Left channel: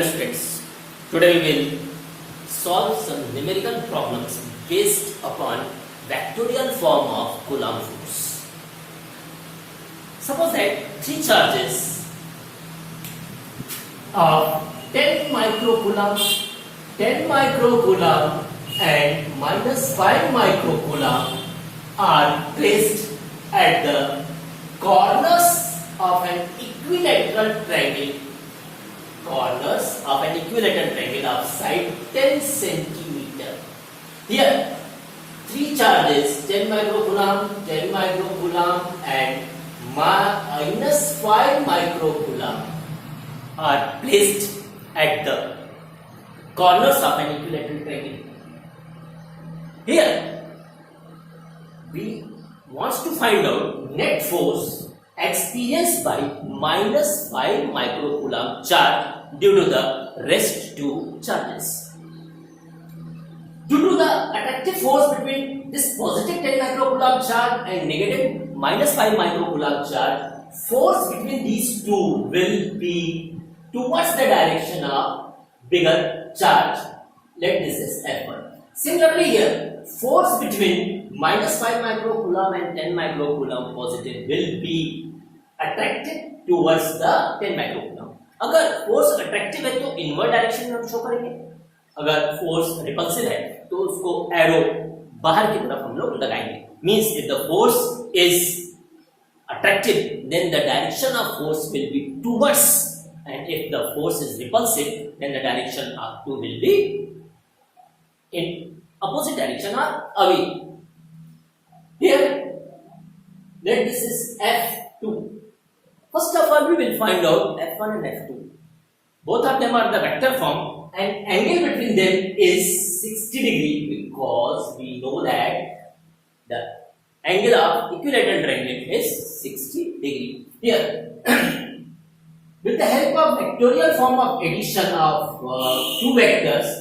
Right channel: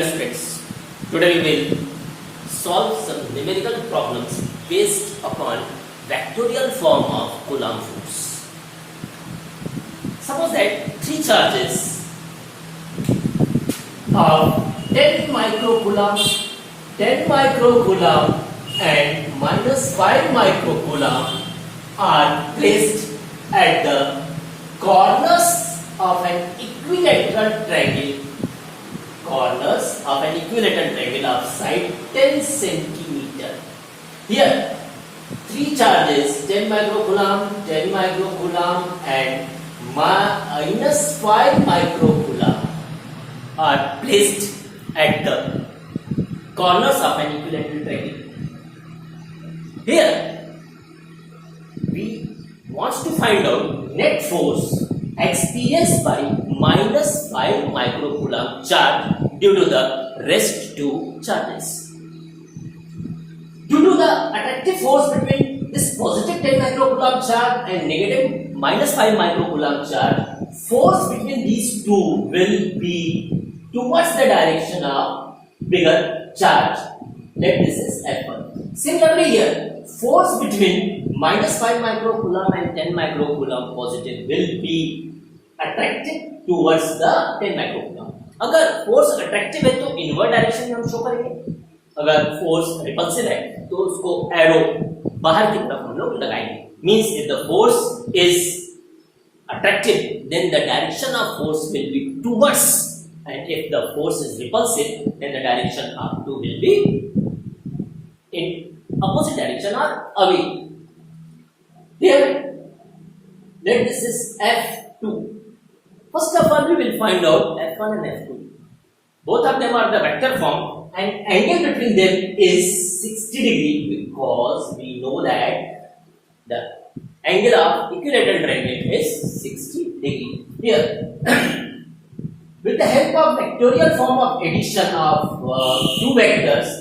Friends, today we will solve some numerical problems based upon vectorial form of Coulomb force. Suppose that three charges of 10 microcoulomb, 10 microcoulomb and minus 5 microcoulomb are placed at the corners of an equilateral triangle of side 10 centimeter. Here, three charges 10 microcoulomb, 10 microcoulomb and minus 5 microcoulomb are placed at the corners of an equilateral triangle. Here, we want to find out net force experienced by minus 5 microcoulomb charge due to the rest two charges. Due to the attractive force between this positive 10 microcoulomb charge and negative minus 5 microcoulomb charge, force between these two will be towards the direction of bigger charge. Let this is F1. Similarly here, force between minus 5 microcoulomb and 10 microcoulomb positive will be attracted towards the 10 microcoulomb. अगर force attractive है तो invert direction में हम शो करेंगे, अगर force repulsive है तो उसको एरो बाहर की तरफ हम लोग लगाएंगे. Means if the force is attractive then the direction of force will be towards, and if the force is repulsive then the direction of two will be in opposite direction or away. Here, let this is F2. First of all, we will find out F1 and F2. Both of them are the vector form and angle between them is 60 degree because we know that the angle of equilateral triangle is 60 degree. Here, with the help of vectorial form of addition of two vectors,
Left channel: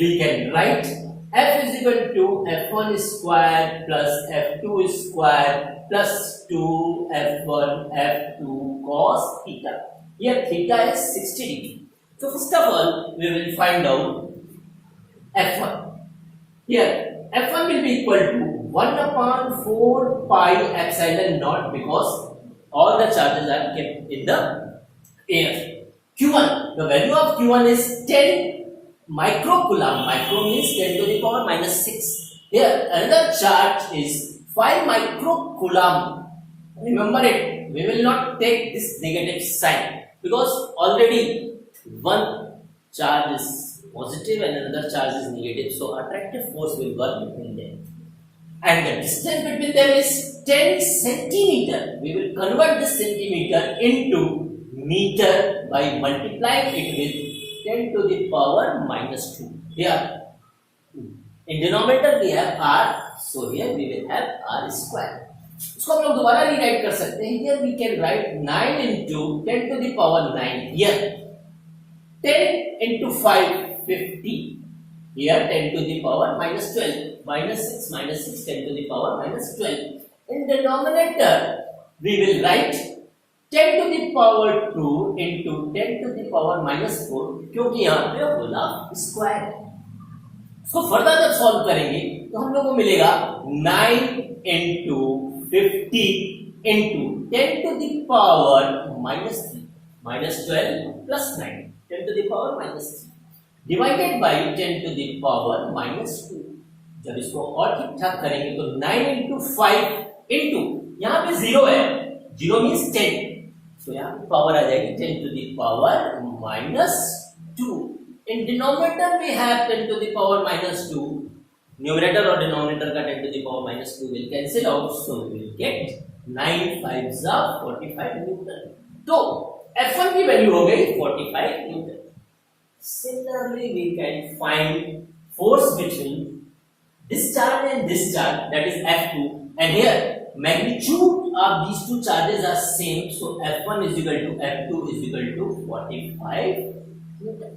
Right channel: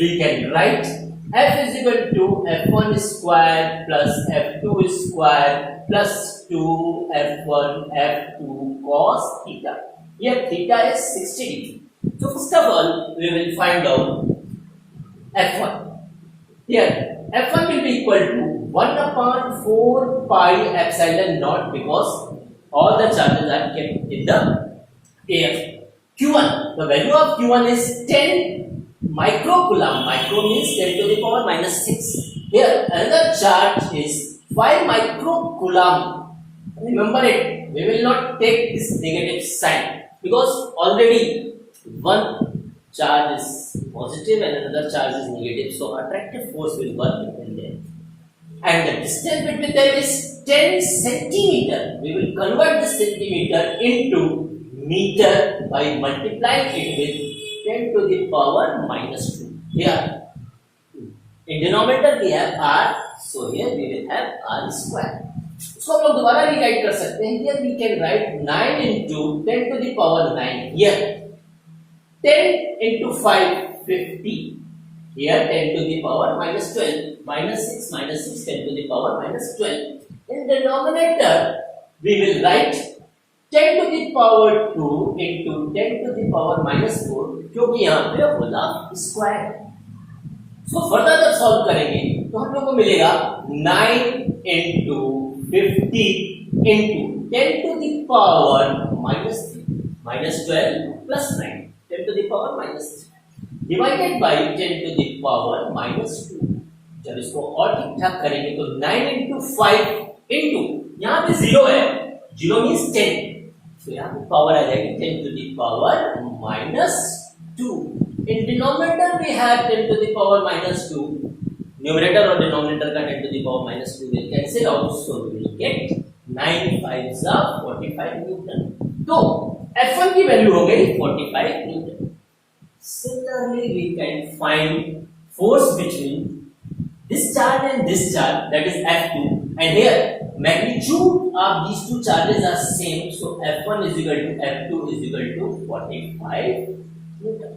we can write f is equal to f1 square plus f2 square plus 2f1 f2 cos theta. Here theta is 60 degree. So first of all, we will find out f1. Here f1 will be equal to 1 upon 4 pi epsilon naught because all the charges are kept in the air. Q1, the value of Q1 is 10 microcoulomb. Micro means 10 to the power minus 6. Here another charge is 5 microcoulomb. Remember it, we will not take this negative sign because already one charge is positive and another charge is negative, so attractive force will work between them. And the distance between them is 10 centimeter. We will convert this centimeter into meter by multiplying it with 10 to the power minus 2. Here, in denominator we have r, so here we will have r square. इसको हम लोग दोबारा रीराइट कर सकते हैं. Here we can write 9 into 10 to the power 9. Here 10 into 5 50. Here 10 to the power minus 12. Minus 6 10 to the power minus 12. In denominator we will write 10 to the power 2 into 10 to the power minus 4 क्योंकि यहाँ पे बोला स्क्वायर. इसको फर्दर जब सॉल्व करेंगे तो हम लोग को मिलेगा 9 into 50 into 10 to the power minus 3 minus 12 plus 9 10 to the power minus 3 divided by 10 to the power minus 2. जब इसको और ठीक ठाक करेंगे तो 9 into 5 into यहाँ पे 0 है, 0 means 10, तो यहाँ पे पावर आ जाएगी 10 to the power minus 2. In denominator we have 10 to the power minus 2. Numerator और denominator का 10 to the power minus 2 will cancel out, so we will get 9 5s of 45 Newton. तो F1 की वैल्यू हो गई 45 Newton. Similarly, we can find force between this charge and this charge, that is F2, and here magnitude of these two charges are same, so F1 is equal to F2 is equal to 45 Newton.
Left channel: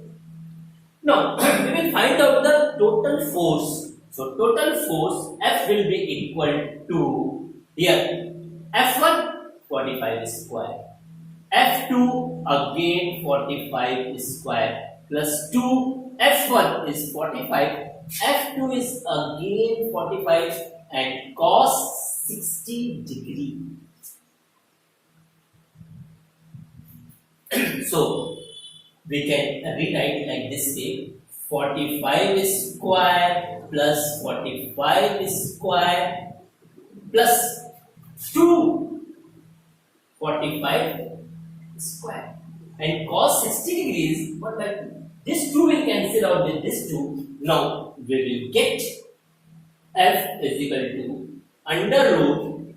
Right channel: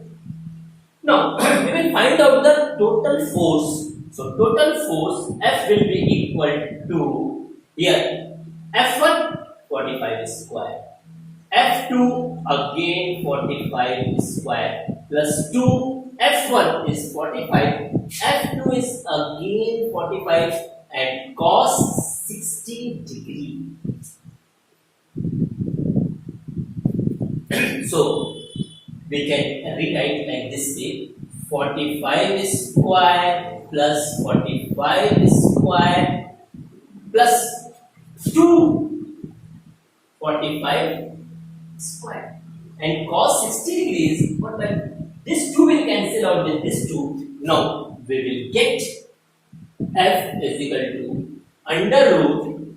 Now we will find out the total force. So total force F will be equal to here F1 45 square, F2 again 45 square plus 2, F1 is 45, F2 is again 45 and cos 60 degree. So we can rewrite like this way, 45 square plus 45 square plus 2 45 square and cos 60 degrees, but when this 2 will cancel out with this 2, now we will get F is equal to under root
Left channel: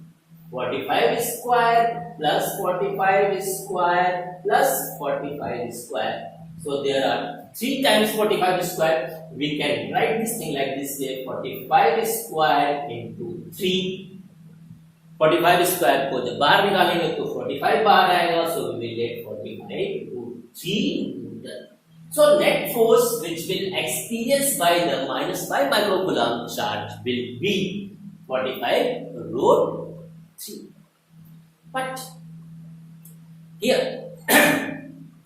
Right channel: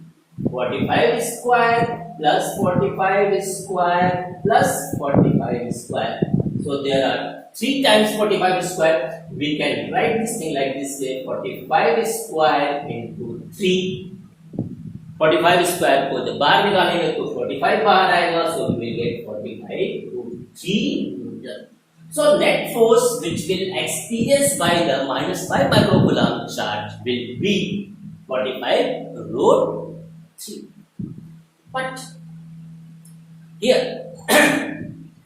45 square plus 45 square plus 45 square. So there are 3 times 45 square. We can write this thing like this way, 45 square into 3. 45 स्क्वायर को जब बाहर निकालेंगे तो 45 बाहर आएगा, so we will get 45 root 3 Newton. So net force which will experience by the -5 microcoulomb charge will be 45 root 3. But here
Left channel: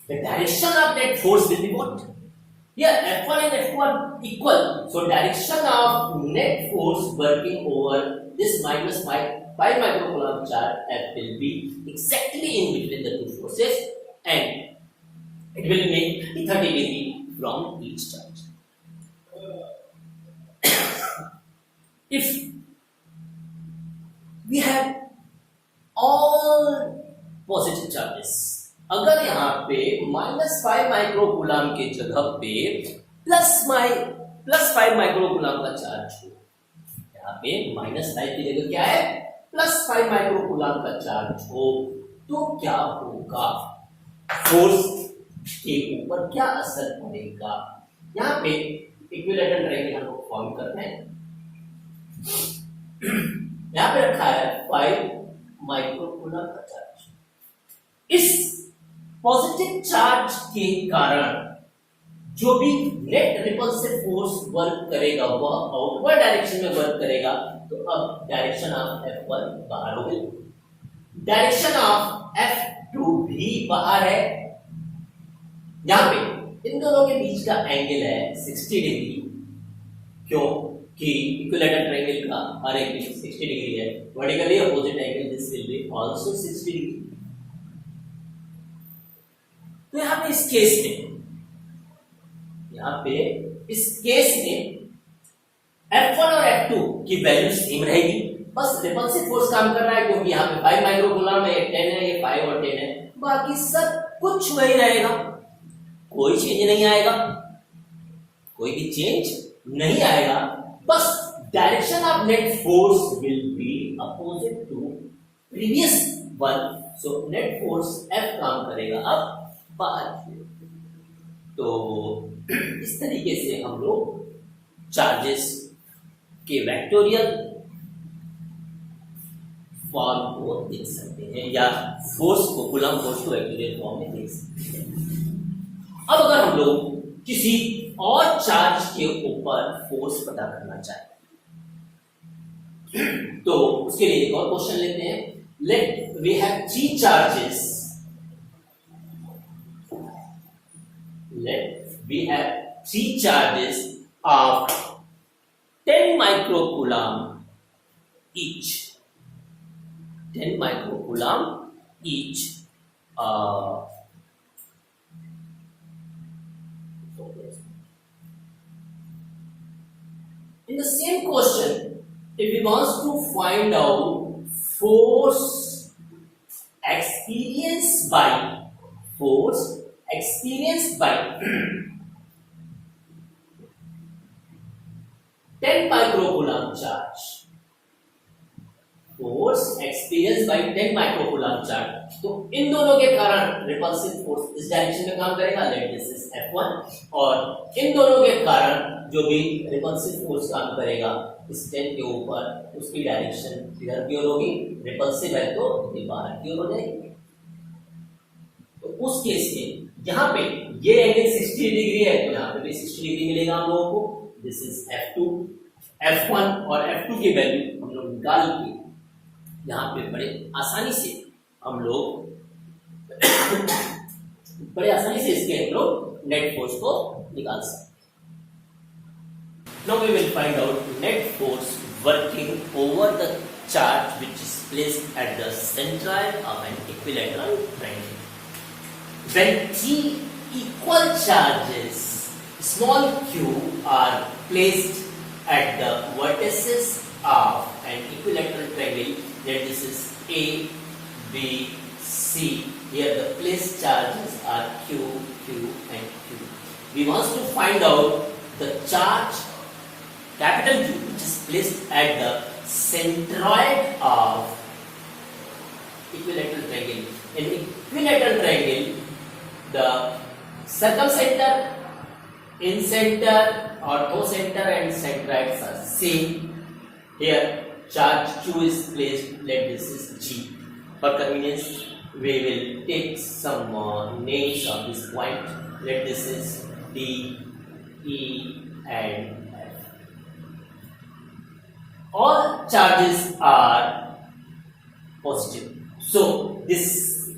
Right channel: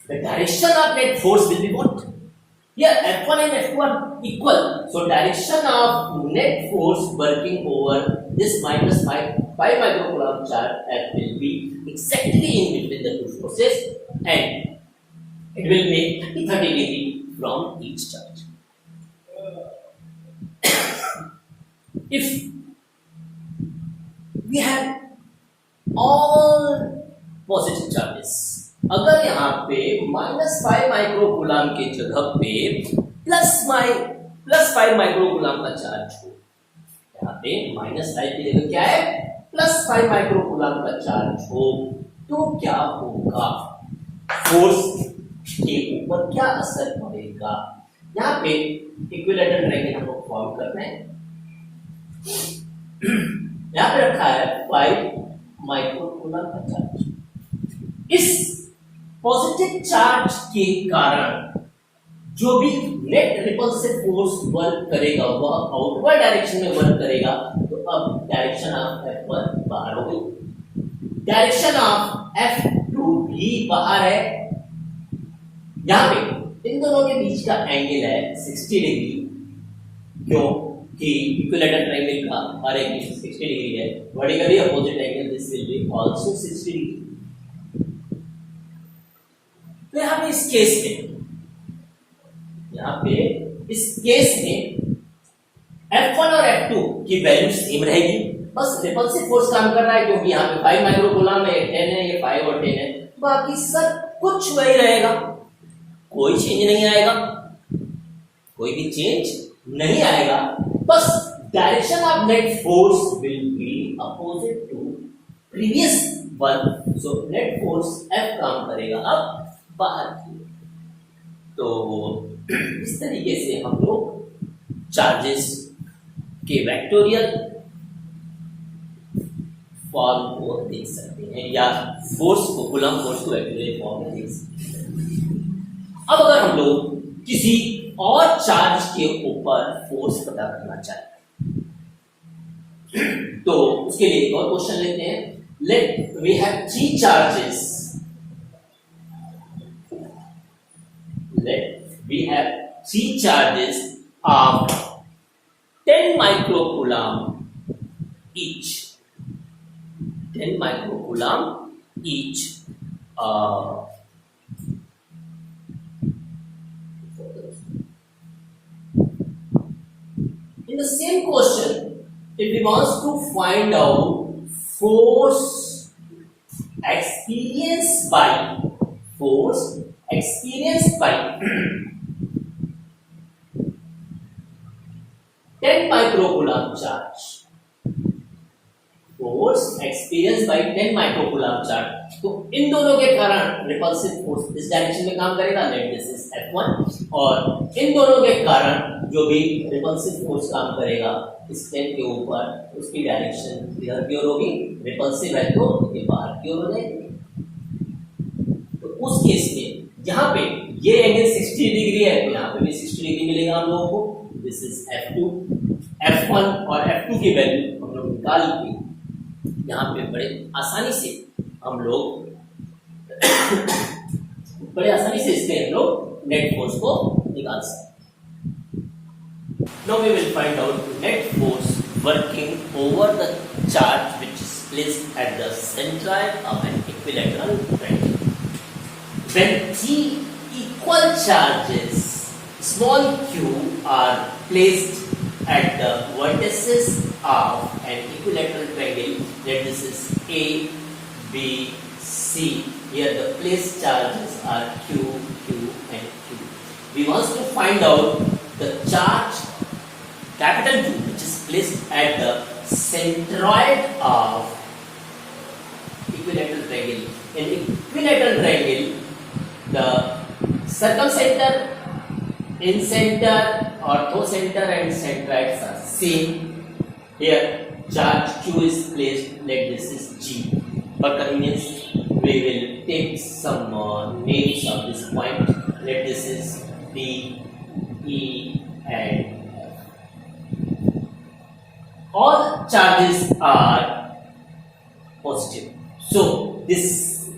the direction of net force will be what? Here F1 and F2 are equal, so direction of net force working over this -5 microcoulomb charge F will be exactly in between the two forces and it will make 30 degree from each charge. If we have all positive charges, अगर यहाँ पे -5 माइक्रोकूलम के जगह पे +5 माइक्रोकूलम का चार्ज हो, यहाँ पे -5 की जगह क्या है +5 माइक्रोकूलम का चार्ज हो, तो क्या होगा, फोर्स के ऊपर क्या असर पड़ेगा। यहाँ पे इक्विलेटरल ट्रायंगल हम लोग फॉर्म कर रहे हैं। यहाँ पे रखा है 5 माइक्रोकूलम का चार्ज। इस पॉजिटिव चार्ज के कारण जो भी नेट रिपल्सिव फोर्स वर्क करेगा वह आउटवर्ड डायरेक्शन में वर्क करेगा, तो अब डायरेक्शन ऑफ F1 बाहर हो गई, डायरेक्शन ऑफ F2 भी बाहर है। यहां पे इन दोनों के बीच का एंगल है 60 डिग्री, क्यों कि इक्विलेटरल ट्रायंगल का हर एक 60 डिग्री है। Vertically opposite angle this will be also 60 डिग्री। तो यहाँ पे इस केस में F1 और F2 की वैल्यू सेम रहेगी, बस रिपल्सिव फोर्स काम कर रहा है क्योंकि यहाँ पे 5 माइक्रोकूलम है, 10 है, ये 5 और 10 है, बाकी सब कुछ वही रहेगा, कोई चेंज नहीं आएगा, कोई भी चेंज नहीं आएगा, बस direction of net force will be opposite to previous one. So net force F काम करेगा अब बाहर की। तो इस तरीके से हम लोग चार्जेस के वेक्टोरियल फॉर्म को देख सकते हैं या फोर्स को, कूलम्ब फोर्स को वेक्टोरियल फॉर्म में देख सकते हैं। अब अगर हम लोग किसी और चार्ज के ऊपर फोर्स पता करना चाहते हैं तो उसके लिए एक और क्वेश्चन लेते हैं। Let we have 3 charges, we have 3 charges of 10 microcoulomb each. 10 microcoulomb each. In the same question, if we want to find out force experienced by 10 microcoulomb charge, force experience by 10 microcoulomb charge, तो इन दोनों के कारण repulsive force इस डायरेक्शन में काम करेगा, late this is F1, और इन दोनों के कारण जो भी रिपल्सिव फोर्स काम करेगा इस 10 के ऊपर, उसकी डायरेक्शन इधर की ओर होगी, रिपल्सिव है तो ये बाहर की ओर हो जाएगी। तो उस केस में जहां पे ये एंगल 60 डिग्री है तो यहाँ पे भी 60 डिग्री मिलेगा हम लोगों को। दिस इज F2, F1 और F2 की वैल्यू हम लोग निकाल के यहाँ पे बड़े आसानी से हम लोग बड़े आसानी से इसके हम लोग नेट फोर्स को निकाल सकते हैं। Now we will find out net force working over the charge which is placed at the centroid of an equilateral triangle. When three equal charges small q are placed at the vertices of an equilateral triangle, that this is A, B, C. Here the placed charges are Q, Q and Q. We want to find out the charge capital Q which is placed at the centroid of equilateral triangle. In equilateral triangle, the circumcenter, incenter, orthocenter and centroids are same. Here charge Q is placed, let this is G. For convenience, we will take some names of this point. Let this is D, E and all charges are positive. So this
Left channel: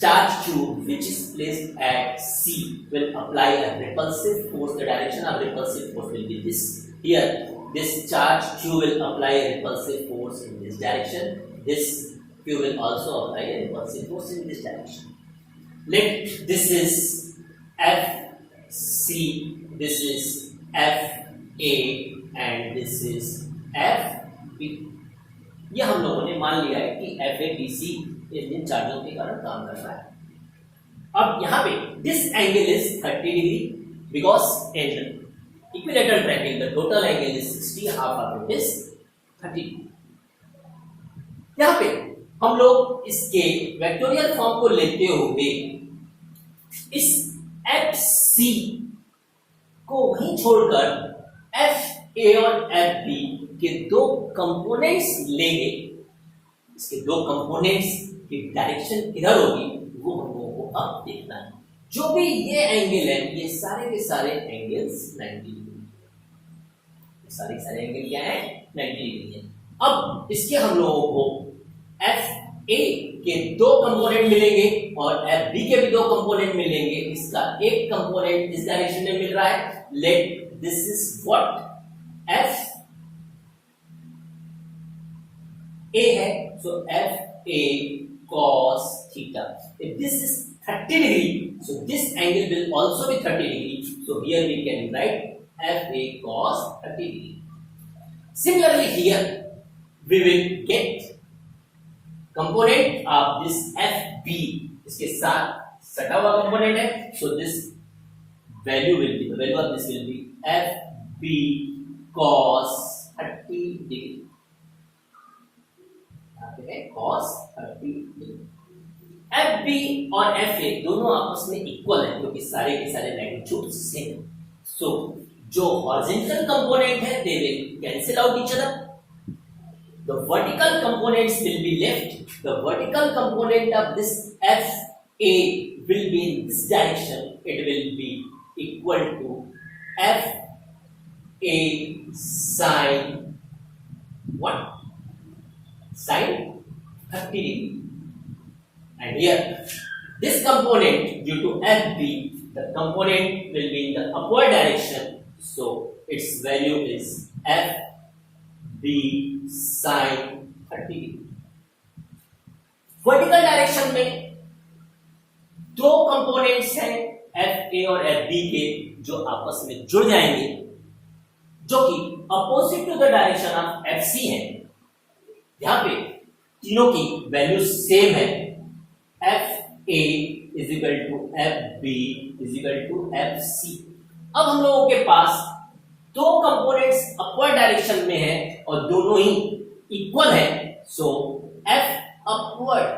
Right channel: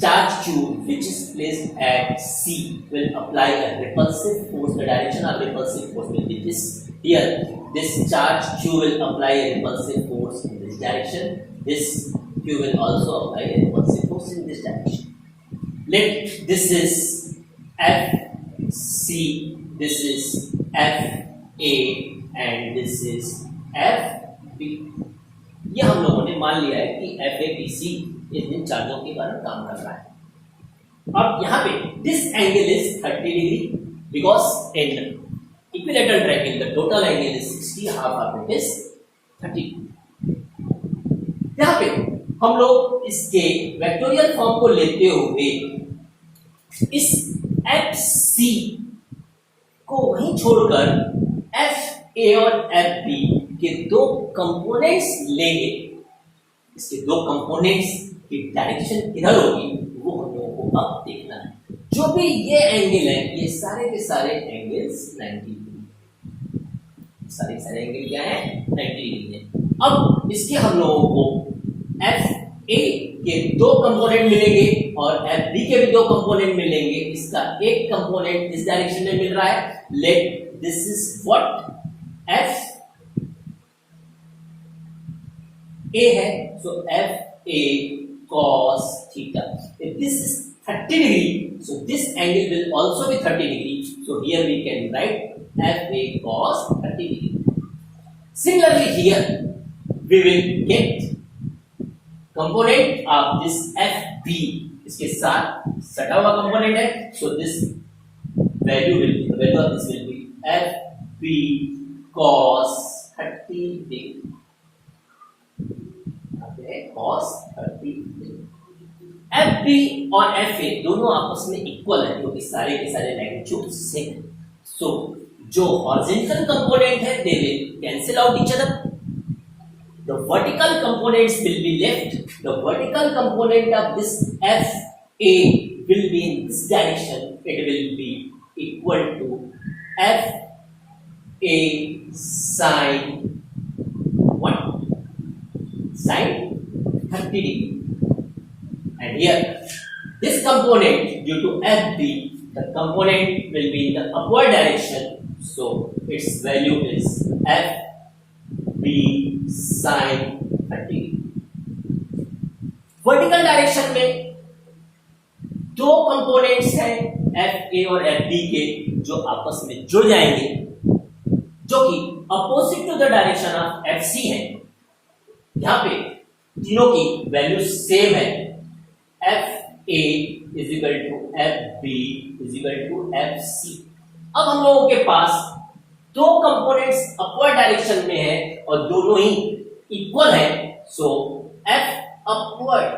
charge Q which is placed at C will apply a repulsive force. The direction of repulsive force will be this. Here this charge Q will apply a repulsive force in this direction. This Q will also apply a repulsive force in this direction. Let this is F C, this is F A and this is F B. ये हम लोगों ने मान लिया है कि F A B C इन चार्जों के कारण काम कर रहा है। अब यहाँ पे this angle is 30 degree because in equilateral triangle the total angle is 60, half of it is 30. यहाँ पे हम लोग इसके वेक्टोरियल फॉर्म को लेते हुए इस एफ सी को वहीं छोड़कर एफ ए और एफ बी के दो कंपोनेंट्स लेंगे। इसके दो कंपोनेंट्स की डायरेक्शन किधर होगी वो हम लोगों को अब देखना है। जो भी ये एंगल है ये सारे के सारे एंगल्स 90 डिग्री, सारे एंगल क्या है 90 डिग्री है। अब इसके हम लोगों को एफ ए के दो कंपोनेंट मिलेंगे और एफ बी के भी दो कंपोनेंट मिलेंगे। इसका एक कंपोनेंट इस डायरेक्शन में मिल रहा है। Let this is what F A है, so F A cos theta. If this is 30 degree, so this angle will also be 30 degree. So here we can write f a cos 30 degree. Similarly here we will get component of this FB, इसके साथ सटा हुआ component है, so this value will be, the value of this will be FB cos 30 degree. cos 30 degree. FB और FA दोनों आपस में इक्वल है क्योंकि सारे के सारे मैग्नीट्यूड सेम है। सो जो हॉरिजॉन्टल कंपोनेंट है they will cancel out each other. The vertical components will be left. The vertical component of this FA will be in this direction. It will be equal to FA sin what? Sin 30 degree. And here, this component due to FB, the component will be in the upward direction. So its value is FB sin 30 degree. Vertical direction में दो कंपोनेंट्स हैं F A और F B के जो आपस में जुड़ जाएंगे, जो कि opposite to the direction of F C है। यहां पे तीनों की वैल्यू सेम है, F A is equal to F B is equal to F C. अब हम लोगों के पास दो कंपोनेंट्स अपवर्ड डायरेक्शन में है और दोनों ही इक्वल है। सो एफ अपवर्ड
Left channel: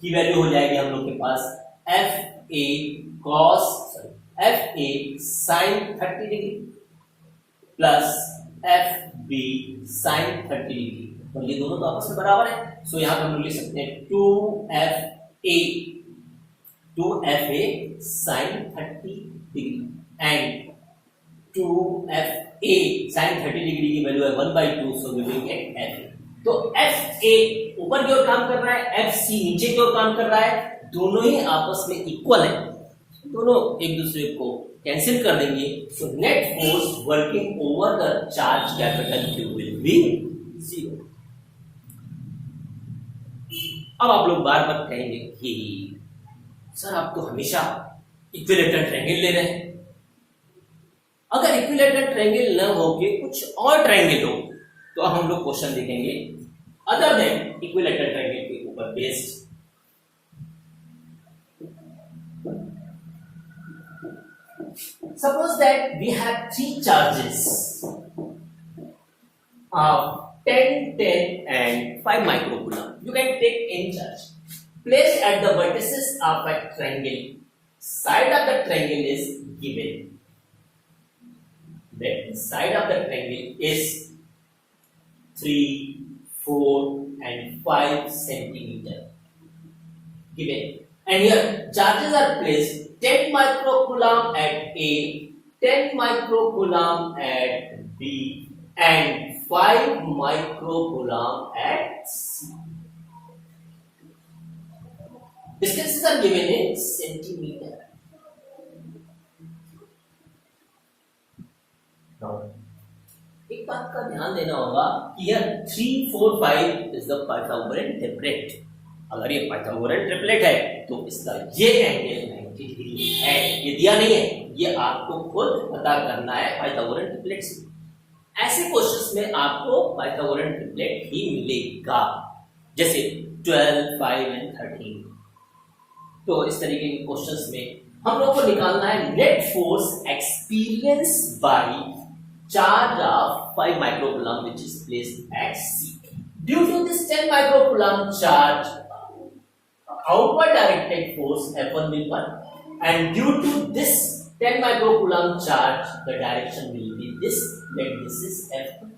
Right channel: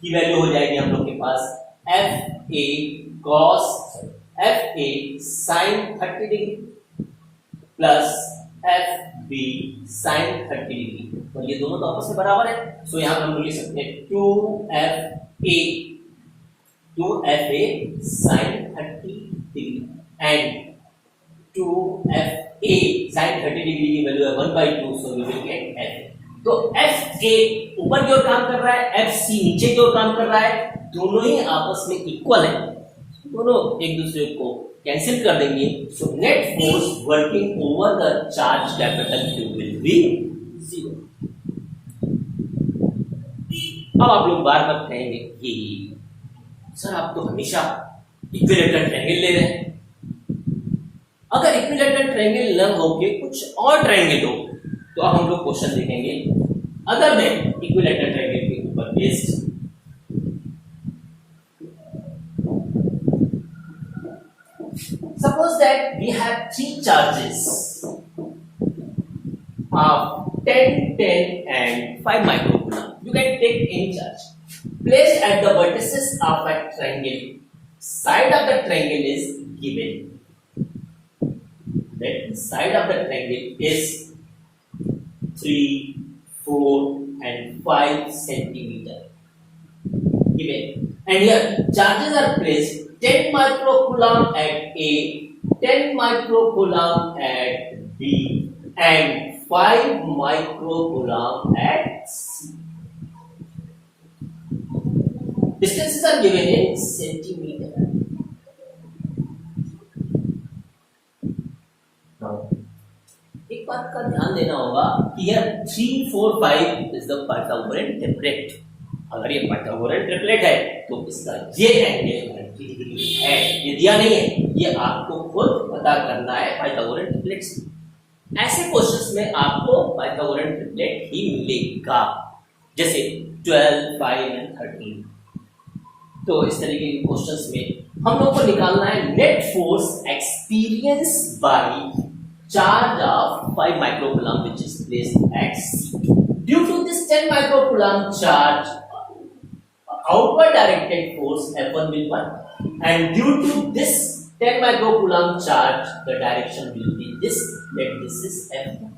की वैल्यू हो जाएगी हम लोग के पास F A cos F A sine 30 degree plus F B sine 30 degree, और ये दोनों तो आपस में बराबर है। सो यहां पर हम लिख सकते हैं 2FA sine 30 degree and 2FA sine 30 degree की वैल्यू है 1/2, so we will get FA। तो FA ऊपर की ओर काम कर रहा है, FC नीचे की ओर काम कर रहा है, दोनों ही आपस में इक्वल है। दोनों एक दूसरे को कैंसिल कर देंगे, सो net force working over the charge capital Q will be 0। अब आप लोग बार बार कहेंगे कि सर आप तो हमेशा इक्विलेटरल ट्रायंगल ले रहे हैं। अगर इक्विलेटरल ट्रायंगल न हो के कुछ और ट्रायंगल हो तो अब हम लोग क्वेश्चन देखेंगे अदर देन इक्विलेटरल ट्रायंगल के ऊपर based. Suppose that we have three charges of 10, 10 and 5 microcoulomb. You can take any charge. Placed at the vertices of a triangle. Side of the triangle is given. The side of the triangle is 3, 4 and 5 centimeter. Given. And here charges are placed 10 microcoulomb at A, 10 microcoulomb at B, and 5 microcoulomb at C. Distances are given in centimeter. Now, एक बात का ध्यान देना होगा कि यह 3, 4, 5 is the Pythagorean triplet. अगर ये पाइथागोरन ट्रिपलेट है तो इसका ये एंगल 90 डिग्री है। ये दिया नहीं है, ये आपको खुद पता करना है पाइथागोरन ट्रिपलेट से। ऐसे क्वेश्चंस में आपको पाइथागोरन ट्रिपलेट ही मिलेगा, जैसे 12, 5 एंड 13। तो इस तरीके के क्वेश्चंस में हम लोग को निकालना है net force experience by charge of 5 microcoulomb which is placed at C. Due to this 10 microcoulomb charge, outward directed force F1 will 1, and due to this 10 microcoulomb charge the direction will be this, let this is F1.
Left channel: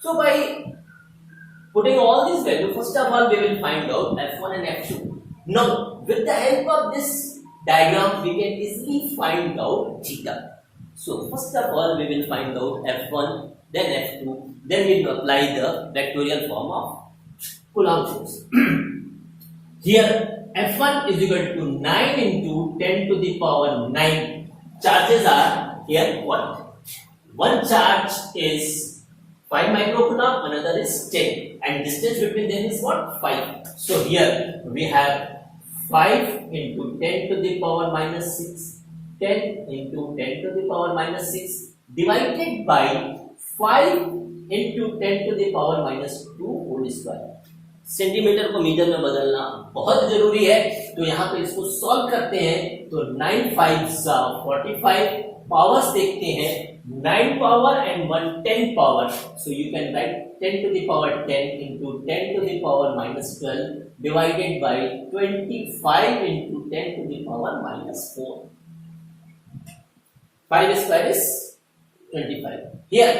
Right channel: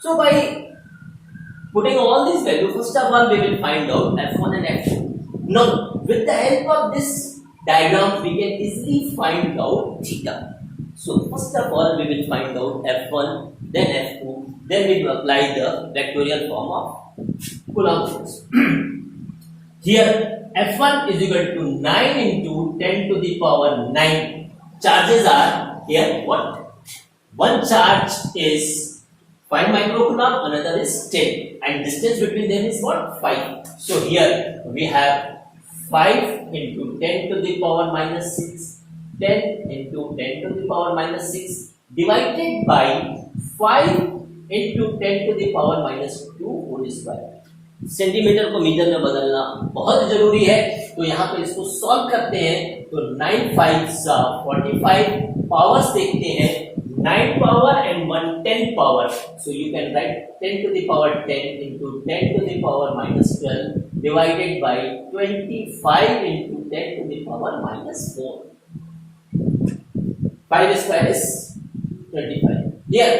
So by putting all these values, first of all we will find out F1 and F2. Now with the help of this diagram we can easily find out theta. So first of all we will find out F1, then F2, then we will apply the vectorial form of Coulomb force. Here F1 is equal to 9 into 10 to the power 9. Charges are here what? One charge is 5 microcoulomb, another is 10, and distance between them is what? 5. So here we have 5 into 10 to the power minus 6, 10 into 10 to the power minus 6 divided by 5 into 10 to the power minus 2 whole square. Centimetre को मीटर में बदलना बहुत जरूरी है, तो यहाँ पे इसको सॉल्व करते हैं। तो 9 5 45, पावर्स देखते हैं 9 power and 1 10 power, so you can write 10 to the power 10 into 10 to the power minus 12 divided by 25 into 10 to the power minus 4. 5 square is 25. Here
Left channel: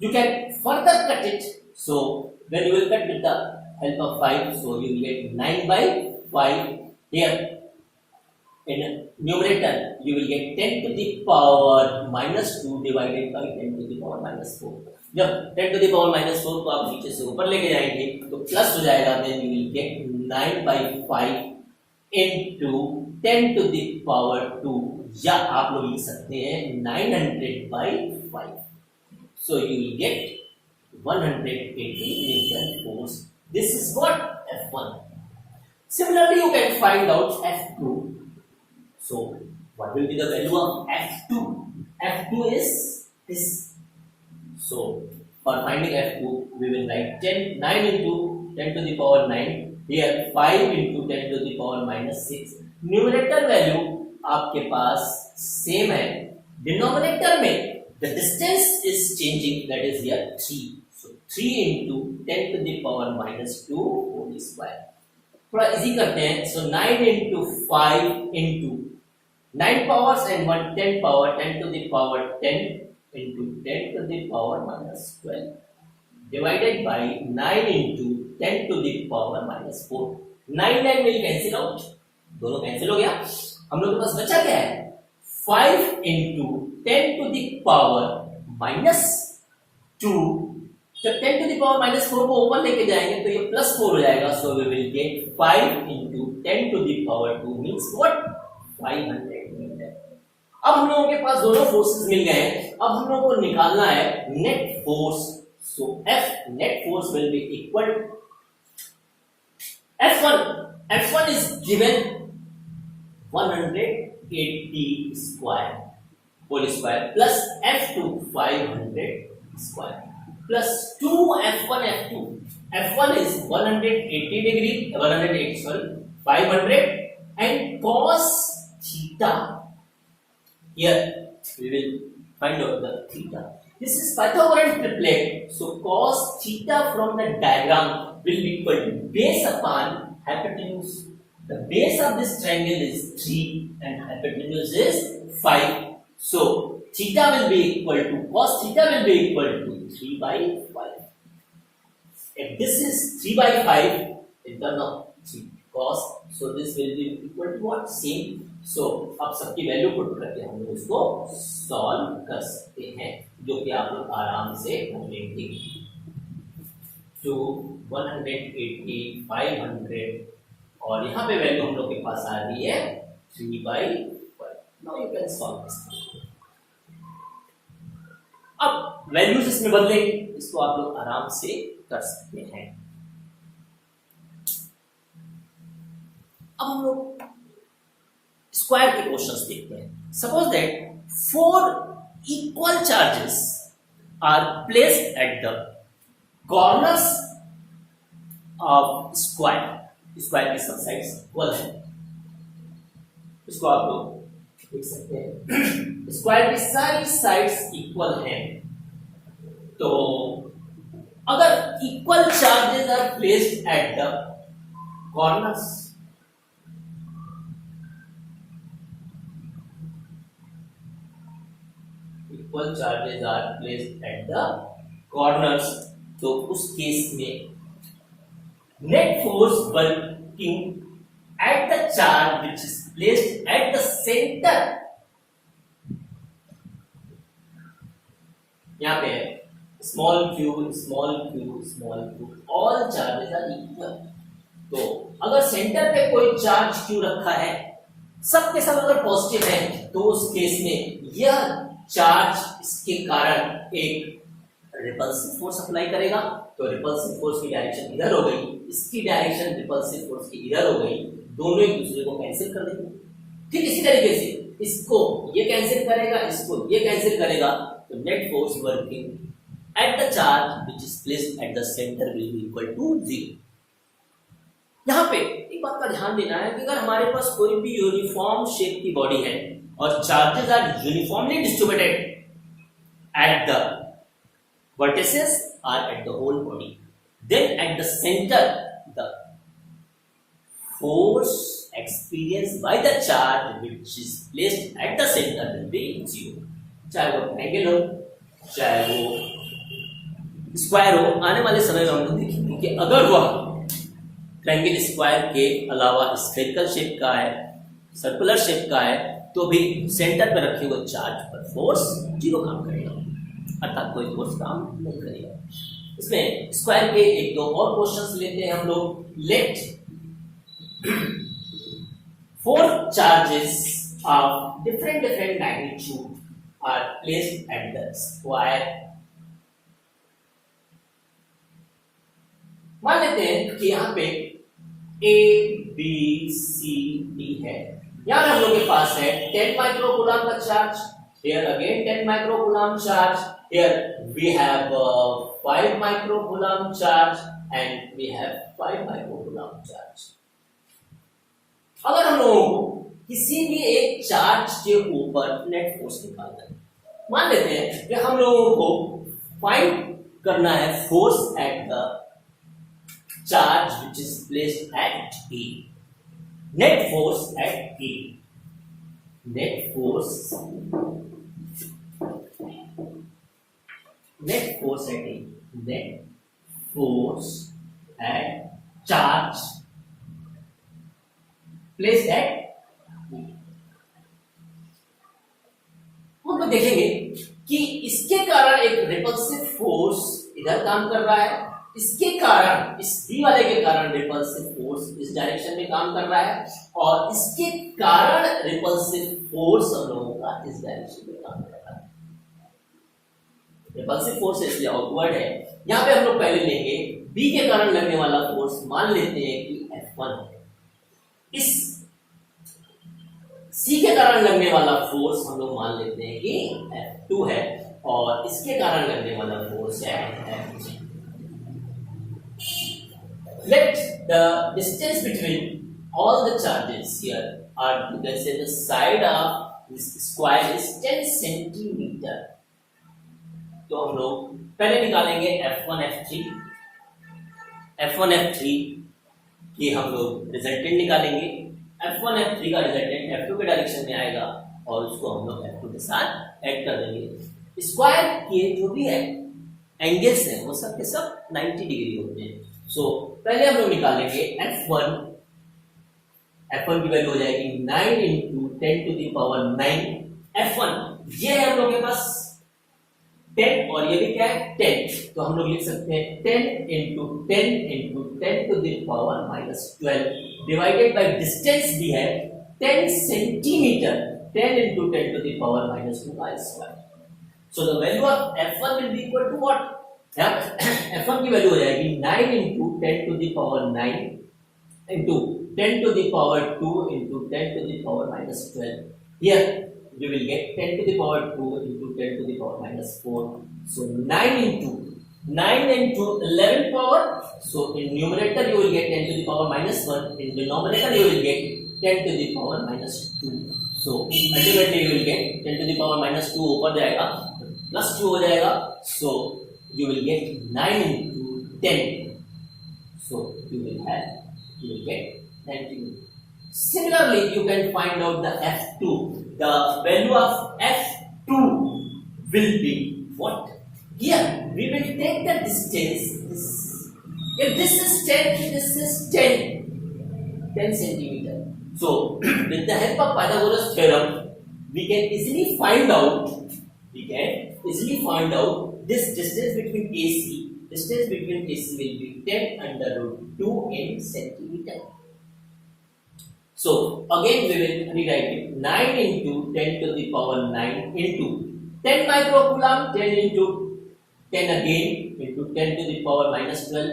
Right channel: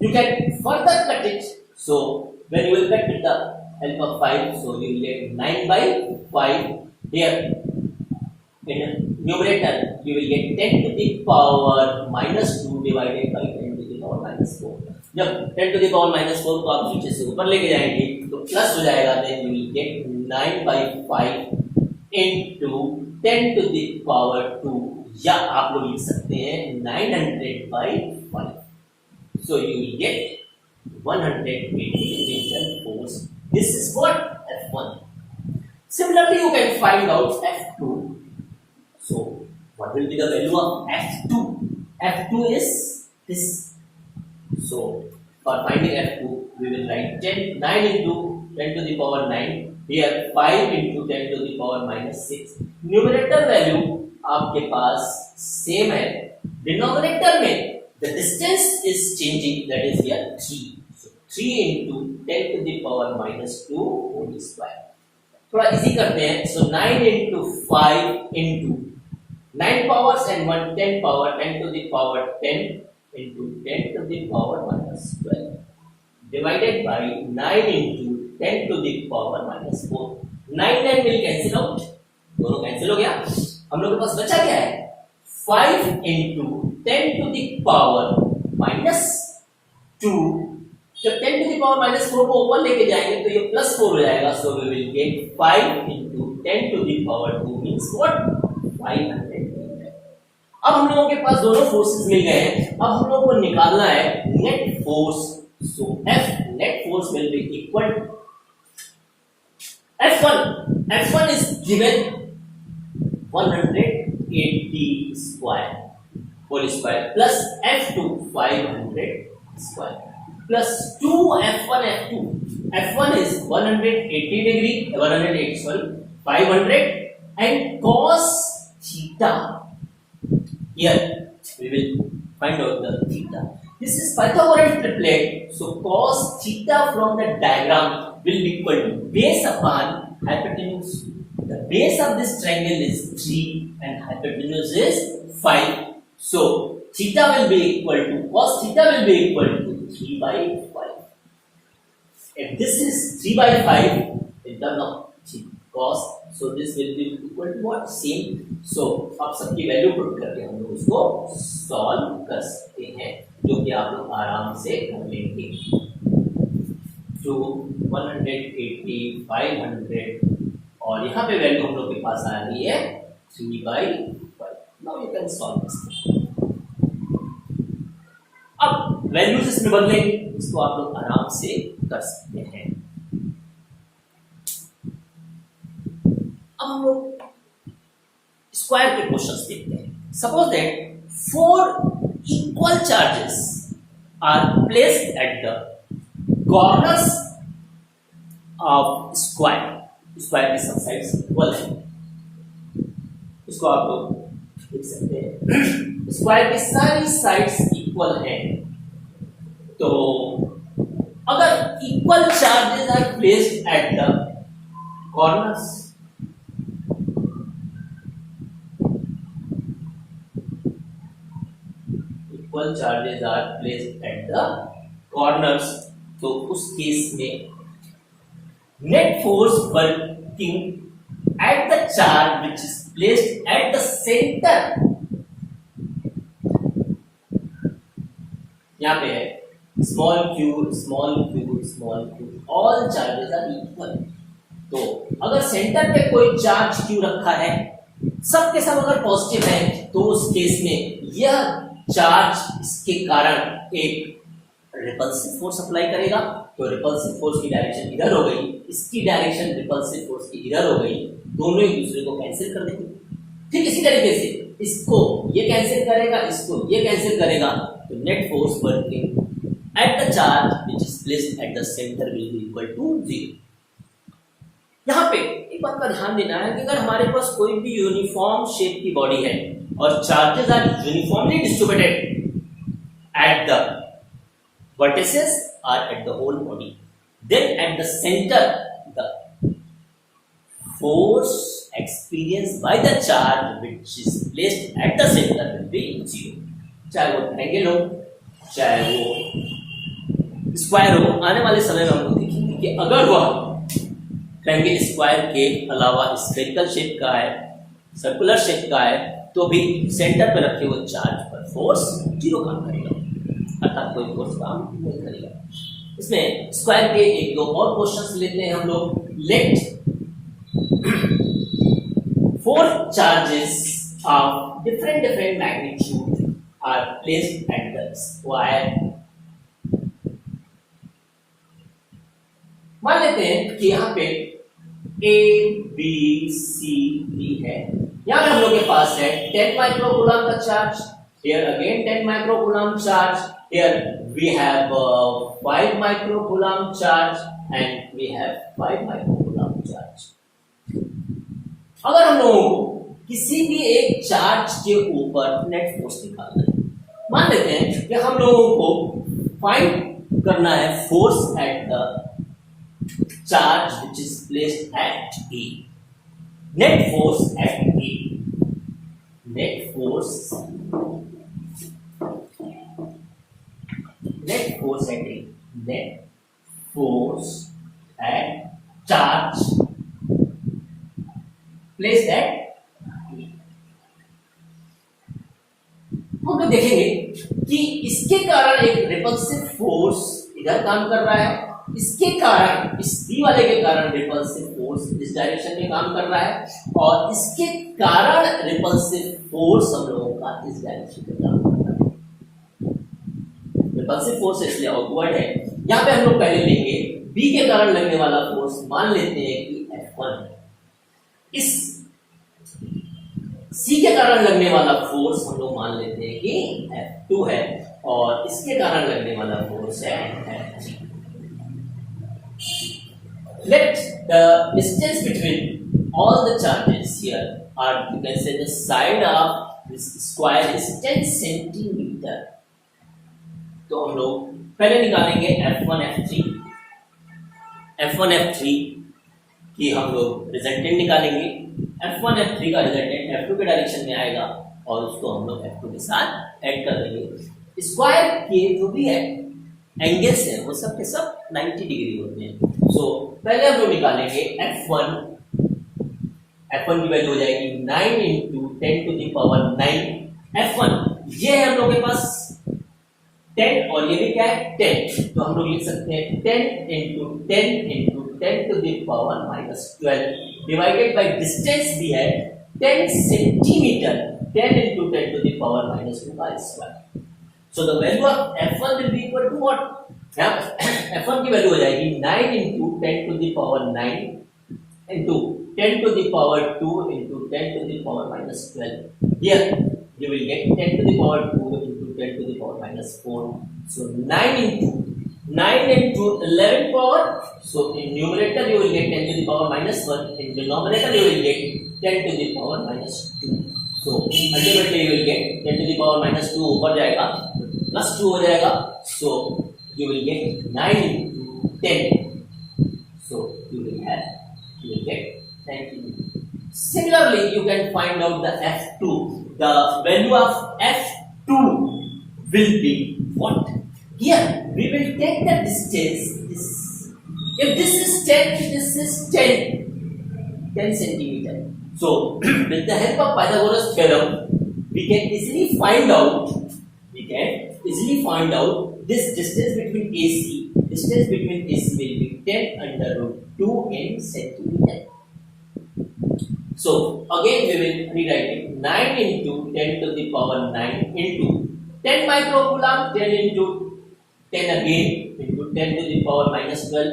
you can further cut it, so when you will cut with the help of 5, so you will get 9 by 5. Here in numerator you will get 10 to the power minus 2 divided by 10 to the power minus 4. जब 10 to the power minus 4 को आप नीचे से ऊपर लेके जाएंगे तो प्लस हो जाएगा, then you will get 9 by 5 into 10 to the power 2, या आप लोग लिख सकते हैं 900 by 5. So you will get 180 Newton force. This is what? F1. Similarly, you can find out F2. So, what will be the value of F2? F2 is this. So, for finding F2, we will write 9 into 10 to the power 9. Here, 5 into 10 to the power minus 6. Numerator value आपके पास same है. Denominator में the distance is changing, that is here 3. 3 into 10 to the power minus 2 whole square. थोड़ा इजी करते हैं, so 9 into 5 into 9 powers and 1 10 power, 10 to the power 10 into 10 to the power minus 12 divided by 9 into 10 to the power minus 4. 9 9 will cancel out, दोनों कैंसिल हो गया। हम लोग के पास बचा क्या है? 5 into 10 to the power minus 2. जब 10 to the power minus 4 को ऊपर लेके जाएंगे तो ये प्लस 4 हो जाएगा, so we will get 5 into 10 to the power 2 means what? 500 है। अब हम लोगों के पास दोनों फोर्सेस मिल गए हैं, अब हम लोगों को निकालना है net force. So F net force will be equal F1 is given 180 square whole square plus F2 500 square plus 2 F1 F2. F1 is 180 degree 180 sorry 500 and cos theta. Here we will find out the theta. This is Pythagorean triplet, so cos theta from the diagram will be equal to base upon hypotenuse. The base of this triangle is 3 and hypotenuse is 5. So theta will be equal to cos theta will be equal to 3 by 5. If this is 3 by 5 in terms of cos, so this will be equal to what? Same. So अब सबकी value put करके हम लोग इसको सॉल्व कर सकते हैं, जो कि आप लोग आराम से कर लेंगे। तो 180 500 और यहाँ पे वैल्यू हम लोग के पास आ रही है 3 by 5. Now you can solve this. अब वैल्यूज इसमें बदले, इसको आप लोग आराम से कर सकते हैं। अब हम लोग स्क्वायर के क्वेश्चंस देखते हैं। Suppose that 4 equal charges are placed at the corners of square. Square की सब साइड्स इक्वल है, इसको आप लोग देख सकते हैं। स्क्वायर की सारी साइड्स इक्वल है, तो अगर equal charges are placed at the corners, equal charges are placed at the corners, तो उस केस में net force working at the charge which is placed at the centre, यहां पे है small q small q small q, all charges are equal. तो अगर सेंटर पे कोई चार्ज क्यू रखा है, सब के सब अगर पॉजिटिव है, तो उस केस में यह चार्ज इसके कारण एक रिपल्सिव फोर्स अप्लाई करेगा, तो रिपल्सिव फोर्स की डायरेक्शन इधर हो गई, इसकी डायरेक्शन रिपल्सिव फोर्स की इधर हो गई, दोनों एक दूसरे को कैंसिल कर देंगे। ठीक इसी तरीके से इसको ये कैंसिल करेगा, इसको ये कैंसिल करेगा, तो net force working at the charge which is placed at the centre will be equal to 0। यहाँ पे एक बात का ध्यान देना है कि अगर हमारे पास कोई भी यूनिफॉर्म शेप की बॉडी है और charges are uniformly distributed at the vertices or at the whole body, then at the center the force experienced by the charge which is placed at the center will be 0। चाहे वो ट्रायंगल हो चाहे वो स्क्वायर हो, आने वाले समय में हम लोग देखेंगे कि अगर वह ट्रायंगल स्क्वायर के अलावा स्फेरिकल शेप का है, सर्कुलर शेप का है, तो भी सेंटर पर रखे हुए चार्ज पर फोर्स 0 काम करेगा, अर्थात कोई फोर्स काम नहीं करेगा। इसमें स्क्वायर के एक दो और क्वेश्चंस लेते हैं हम लोग। Let 4 charges of different magnitude are placed at the square. मान लेते हैं कि यहाँ पे A B C D है, यहाँ पे हम लोग के पास है 10 माइक्रोकूलम का charge, here again 10 microcoulomb charge, here we have 5 microcoulomb charge and we have 5 microcoulomb charge। अगर हम लोगों को किसी भी एक चार्ज के ऊपर नेट फोर्स निकालना है, मान लेते हैं कि हम लोगों को फाइंड करना है force at the charge which is placed eight B, net force at B, net force at A, net force at charge placed at B। हम लोग देखेंगे कि इसके कारण एक रिपल्सिव फोर्स इधर काम कर रहा है इसके कारण, इस बी वाले के कारण रिपल्सिव फोर्स इस डायरेक्शन में काम कर रहा है और इसके कारण रिपल्सिव फोर्स हम लोगों का इस डायरेक्शन में काम कर रहा है। रिपल्सिव फोर्स इसलिए ऑकवर्ड है। यहाँ पे हम लोग पहले लेंगे बी के कारण लगने वाला फोर्स, मान लेते हैं कि F1 है। इस सी के कारण लगने वाला फोर्स हम लोग मान लेते हैं कि F2 है और इसके कारण लगने वाला फोर्स है F3। Let the distance between all the charges here are, you can say the side of this square is 10 centimeter। तो हम लोग पहले निकालेंगे F1 F3 की हम लोग रिजल्टेंट निकालेंगे। F1 F3 का रिजल्टेंट F2 के डायरेक्शन में आएगा और उसको हम लोग F2 के साथ ऐड कर देंगे। स्क्वायर के जो भी है एंगल्स हैं वो सब के सब 90 डिग्री होते हैं। सो पहले हम लोग निकालेंगे F1 की वैल्यू हो जाएगी 9 इंटू 10 टू द पावर 9। F1 ये है हम लोग के पास 10 और ये भी क्या है 10, तो हम लोग लिख सकते हैं 10 into 10 to the power -12 divided by distance भी है 10 centimetre, 10 into 10 to the power -2 का square. So the value of F1 will be equal to what? F1 की वैल्यू हो जाएगी 9 into 10 to the power 9 into 10 to the power 2 into 10 to the power -12. Here you will get 10 to the power 2 into 10 to the power -4. So 9 into 11 power. So in numerator you will get 10 to the power -1. In denominator you will get 10 to the power -2. So ultimately you will get 10 to the power -2 ऊपर जाएगा +2 हो जाएगा। So you will get 9 into 10. So you will get 19. Similarly, you can find out the F2. The value of F2 will be what? Here we will take the distance. If this is 10, this is 10 centimeter. So with the help of Pythagoras theorem, we can easily find out this distance between AC. Distance between AC will be 10 under root 2 in centimeter. So again we will rewrite it 9 into 10 to the power 9 into 10 microcoulomb, 10 into 10 again into 10 to the power -12.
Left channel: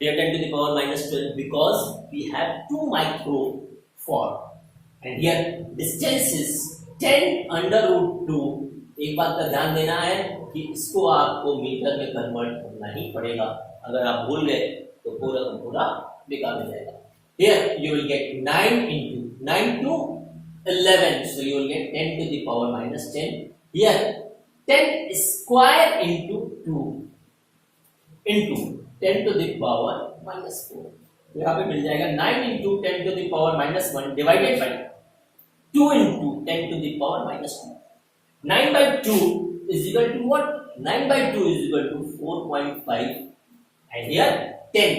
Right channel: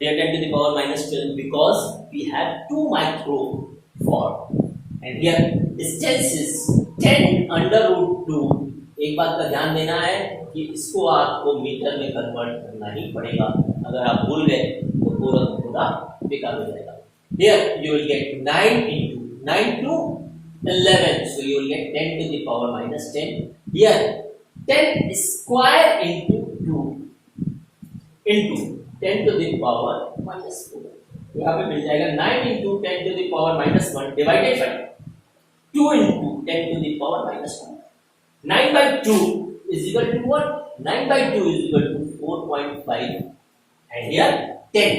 Here 10 to the power -12 because we have 2 microfarad and here distance is 10 under root 2। एक बात का ध्यान देना है कि इसको आपको मीटर में कन्वर्ट करना ही पड़ेगा, अगर आप भूल गए तो पूरा बेकार हो जाएगा। Here you will get 9 into 9 to 11, so you will get 10 to the power -10. Here 10 square into 2 into 10 to the power -4। यहाँ पे मिल जाएगा 9 into 10 to the power -1 divided by 2 into 10 to the power -2। 9 by 2 is equal to what? 9 by 2 is equal to 4.5 and here 10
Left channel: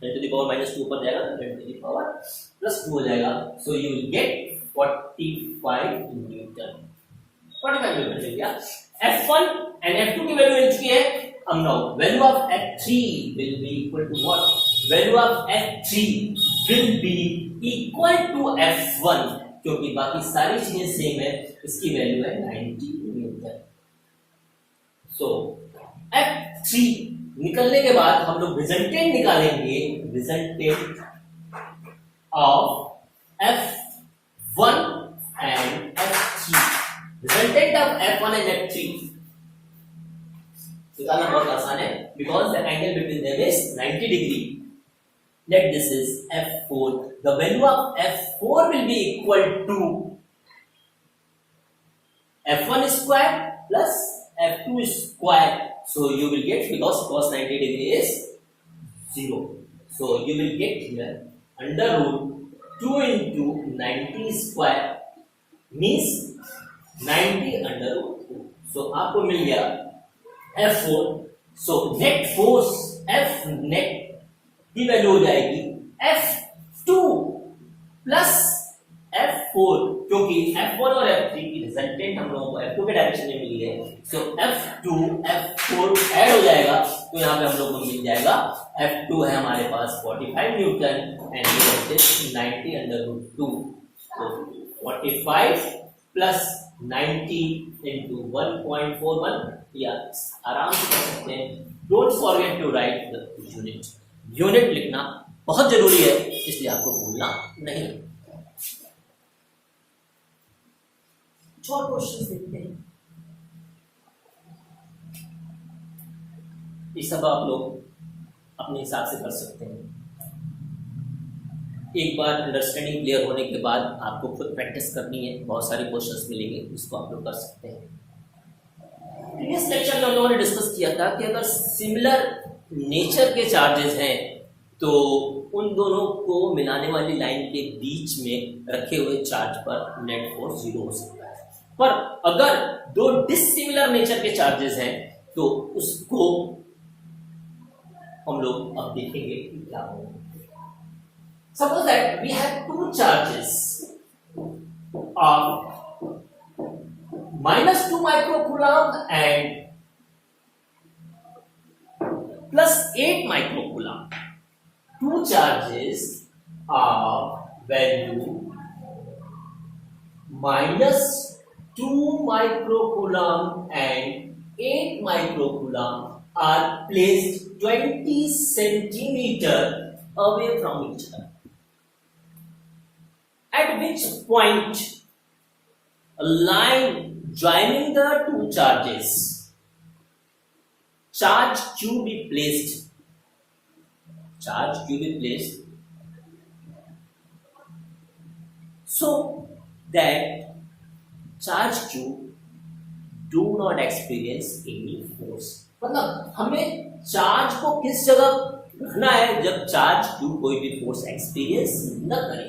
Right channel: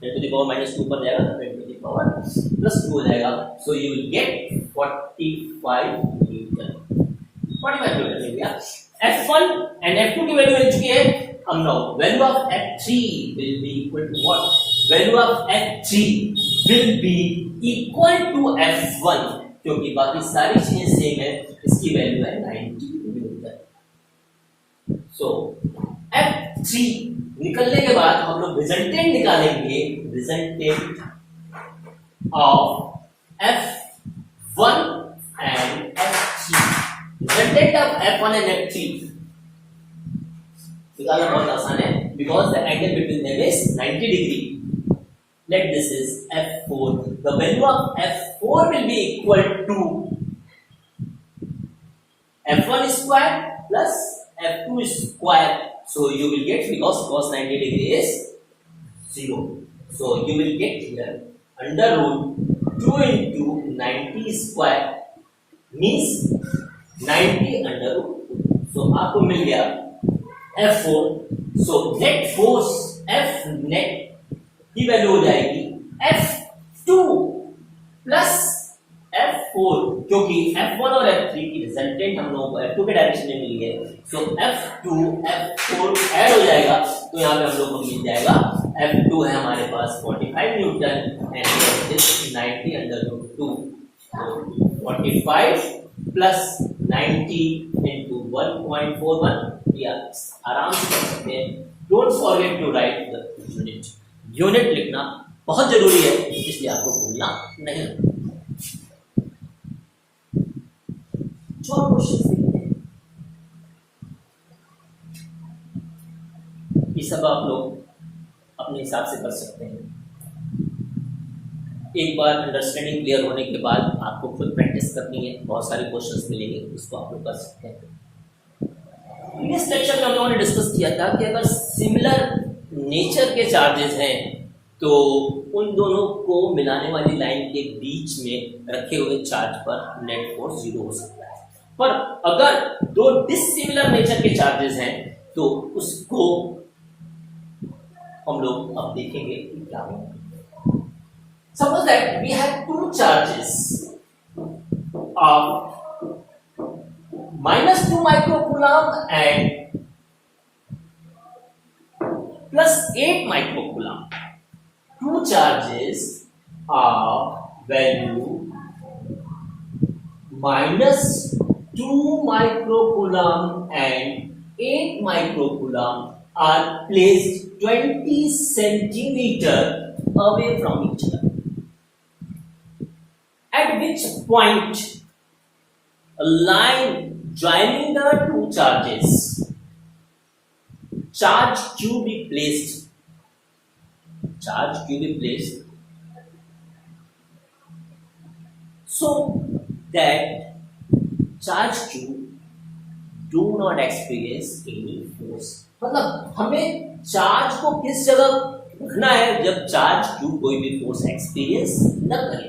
to the power -2 पर जाएगा 10 to the power +2 हो जाएगा। So you will get 45 Newton। 45 Newton मिल गया। F1 and F2 की वैल्यू मिल चुकी है। हम now value of F3 will be equal to what? Value of F3 will be equal to F1 क्योंकि बाकी सारी चीजें सेम है। इसकी वैल्यू है 90 न्यूटन। सो F3 निकलने के बाद हम लोग रिजल्टेंट निकालेंगे, resultant of F1 and F3। Resultant of F1 and F3 निकालना बहुत आसान है because the angle between them is 90 degree. Let this is F4. The value of F4 will be equal to F1 square plus F2 square. So you will get, because cos 90 degree is 0. So you will get here under root 2 into 90 square means 90 under root 2. So आपको मिल गया F4. So net force F net की value हो जाएगी F2 plus F4 जो क्योंकि F1 और F3 की रिजल्टेंट हम लोगों को F2 के डायरेक्शन में मिली है, सो F2 F4 ऐड हो जाएगा, तो यहाँ पे हम लोग को मिल जाएगा F2 है हमारे पास 45 newton and 90 under root 2, 45 plus 90 into 1.41, या आराम से कर सकते हैं। Don't forget to write the unit, unit लिखना बहुत जरूरी है, इसलिए आपको भूलना नहीं। और क्वेश्चन देखते हैं, ये सब आप लोग अपने हिसाब से कर सकते हैं। एक बार अंडरस्टैंडिंग क्लियर होने के बाद आपको खुद प्रैक्टिस करनी है, बहुत सारे क्वेश्चंस मिलेंगे, उसको आप लोग कर सकते हैं। प्रीवियस लेक्चर में हम लोगों ने डिस्कस किया था कि अगर सिमिलर नेचर के चार्जेस हैं तो उन दोनों को मिलाने वाली लाइन के बीच में रखे हुए चार्ज पर नेट फोर्स 0 हो सकता है। पर अगर दो डिसिमिलर नेचर के चार्जेस हैं तो उसको हम लोग अब देखेंगे कि क्या होगा। Suppose that we have two charges of -2 microcoulomb and +8 microcoulomb. Two charges of value -2 microcoulomb and 8 microcoulomb are placed 20 centimeter away from each other. At which point a line joining the two charges, charge Q be placed so that charge Q do not experience any force। मतलब हमें चार्ज को किस जगह रखना है जब charge Q कोई भी फोर्स एक्सपीरियंस न करे।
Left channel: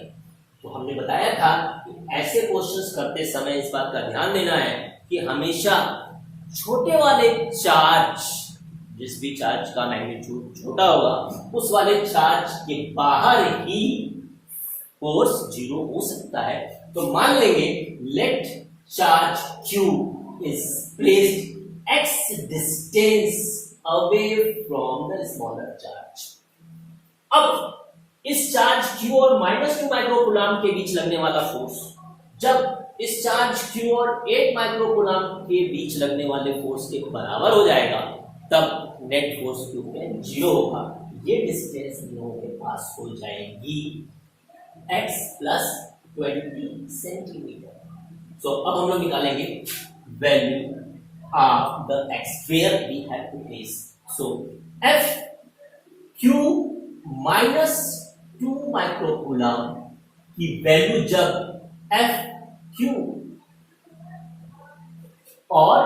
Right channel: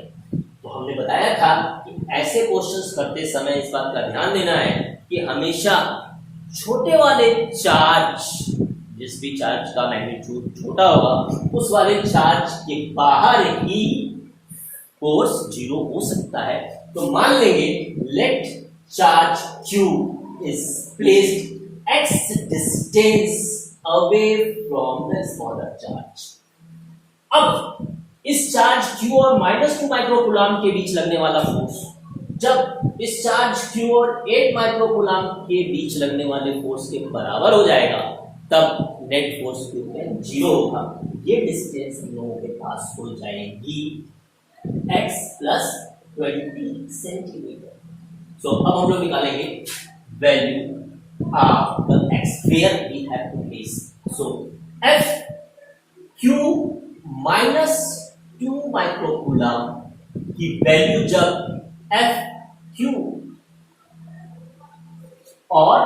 तो हमने बताया था कि ऐसे क्वेश्चंस करते समय इस बात का ध्यान देना है कि हमेशा छोटे वाले चार्ज, जिस भी चार्ज का मैग्नीट्यूड छोटा होगा उस वाले चार्ज के बाहर ही फोर्स 0 हो सकता है। तो मान लेंगे let charge Q is placed x distance away from the smaller charge। अब इस चार्ज Q और -2 माइक्रोकूलम के बीच लगने वाला फोर्स, जब इस चार्ज Q और 8 माइक्रोकूलम के बीच लगने वाले फोर्स के बराबर हो जाएगा तब नेट फोर्स Q में 0 होगा। ये डिस्टेंस हम लोगों के पास हो जाएगी x + 20 सेंटीमीटर। सो अब हम लोग निकालेंगे value of the x where we have to place. So F Q -2 microcoulomb की वैल्यू जब F Q और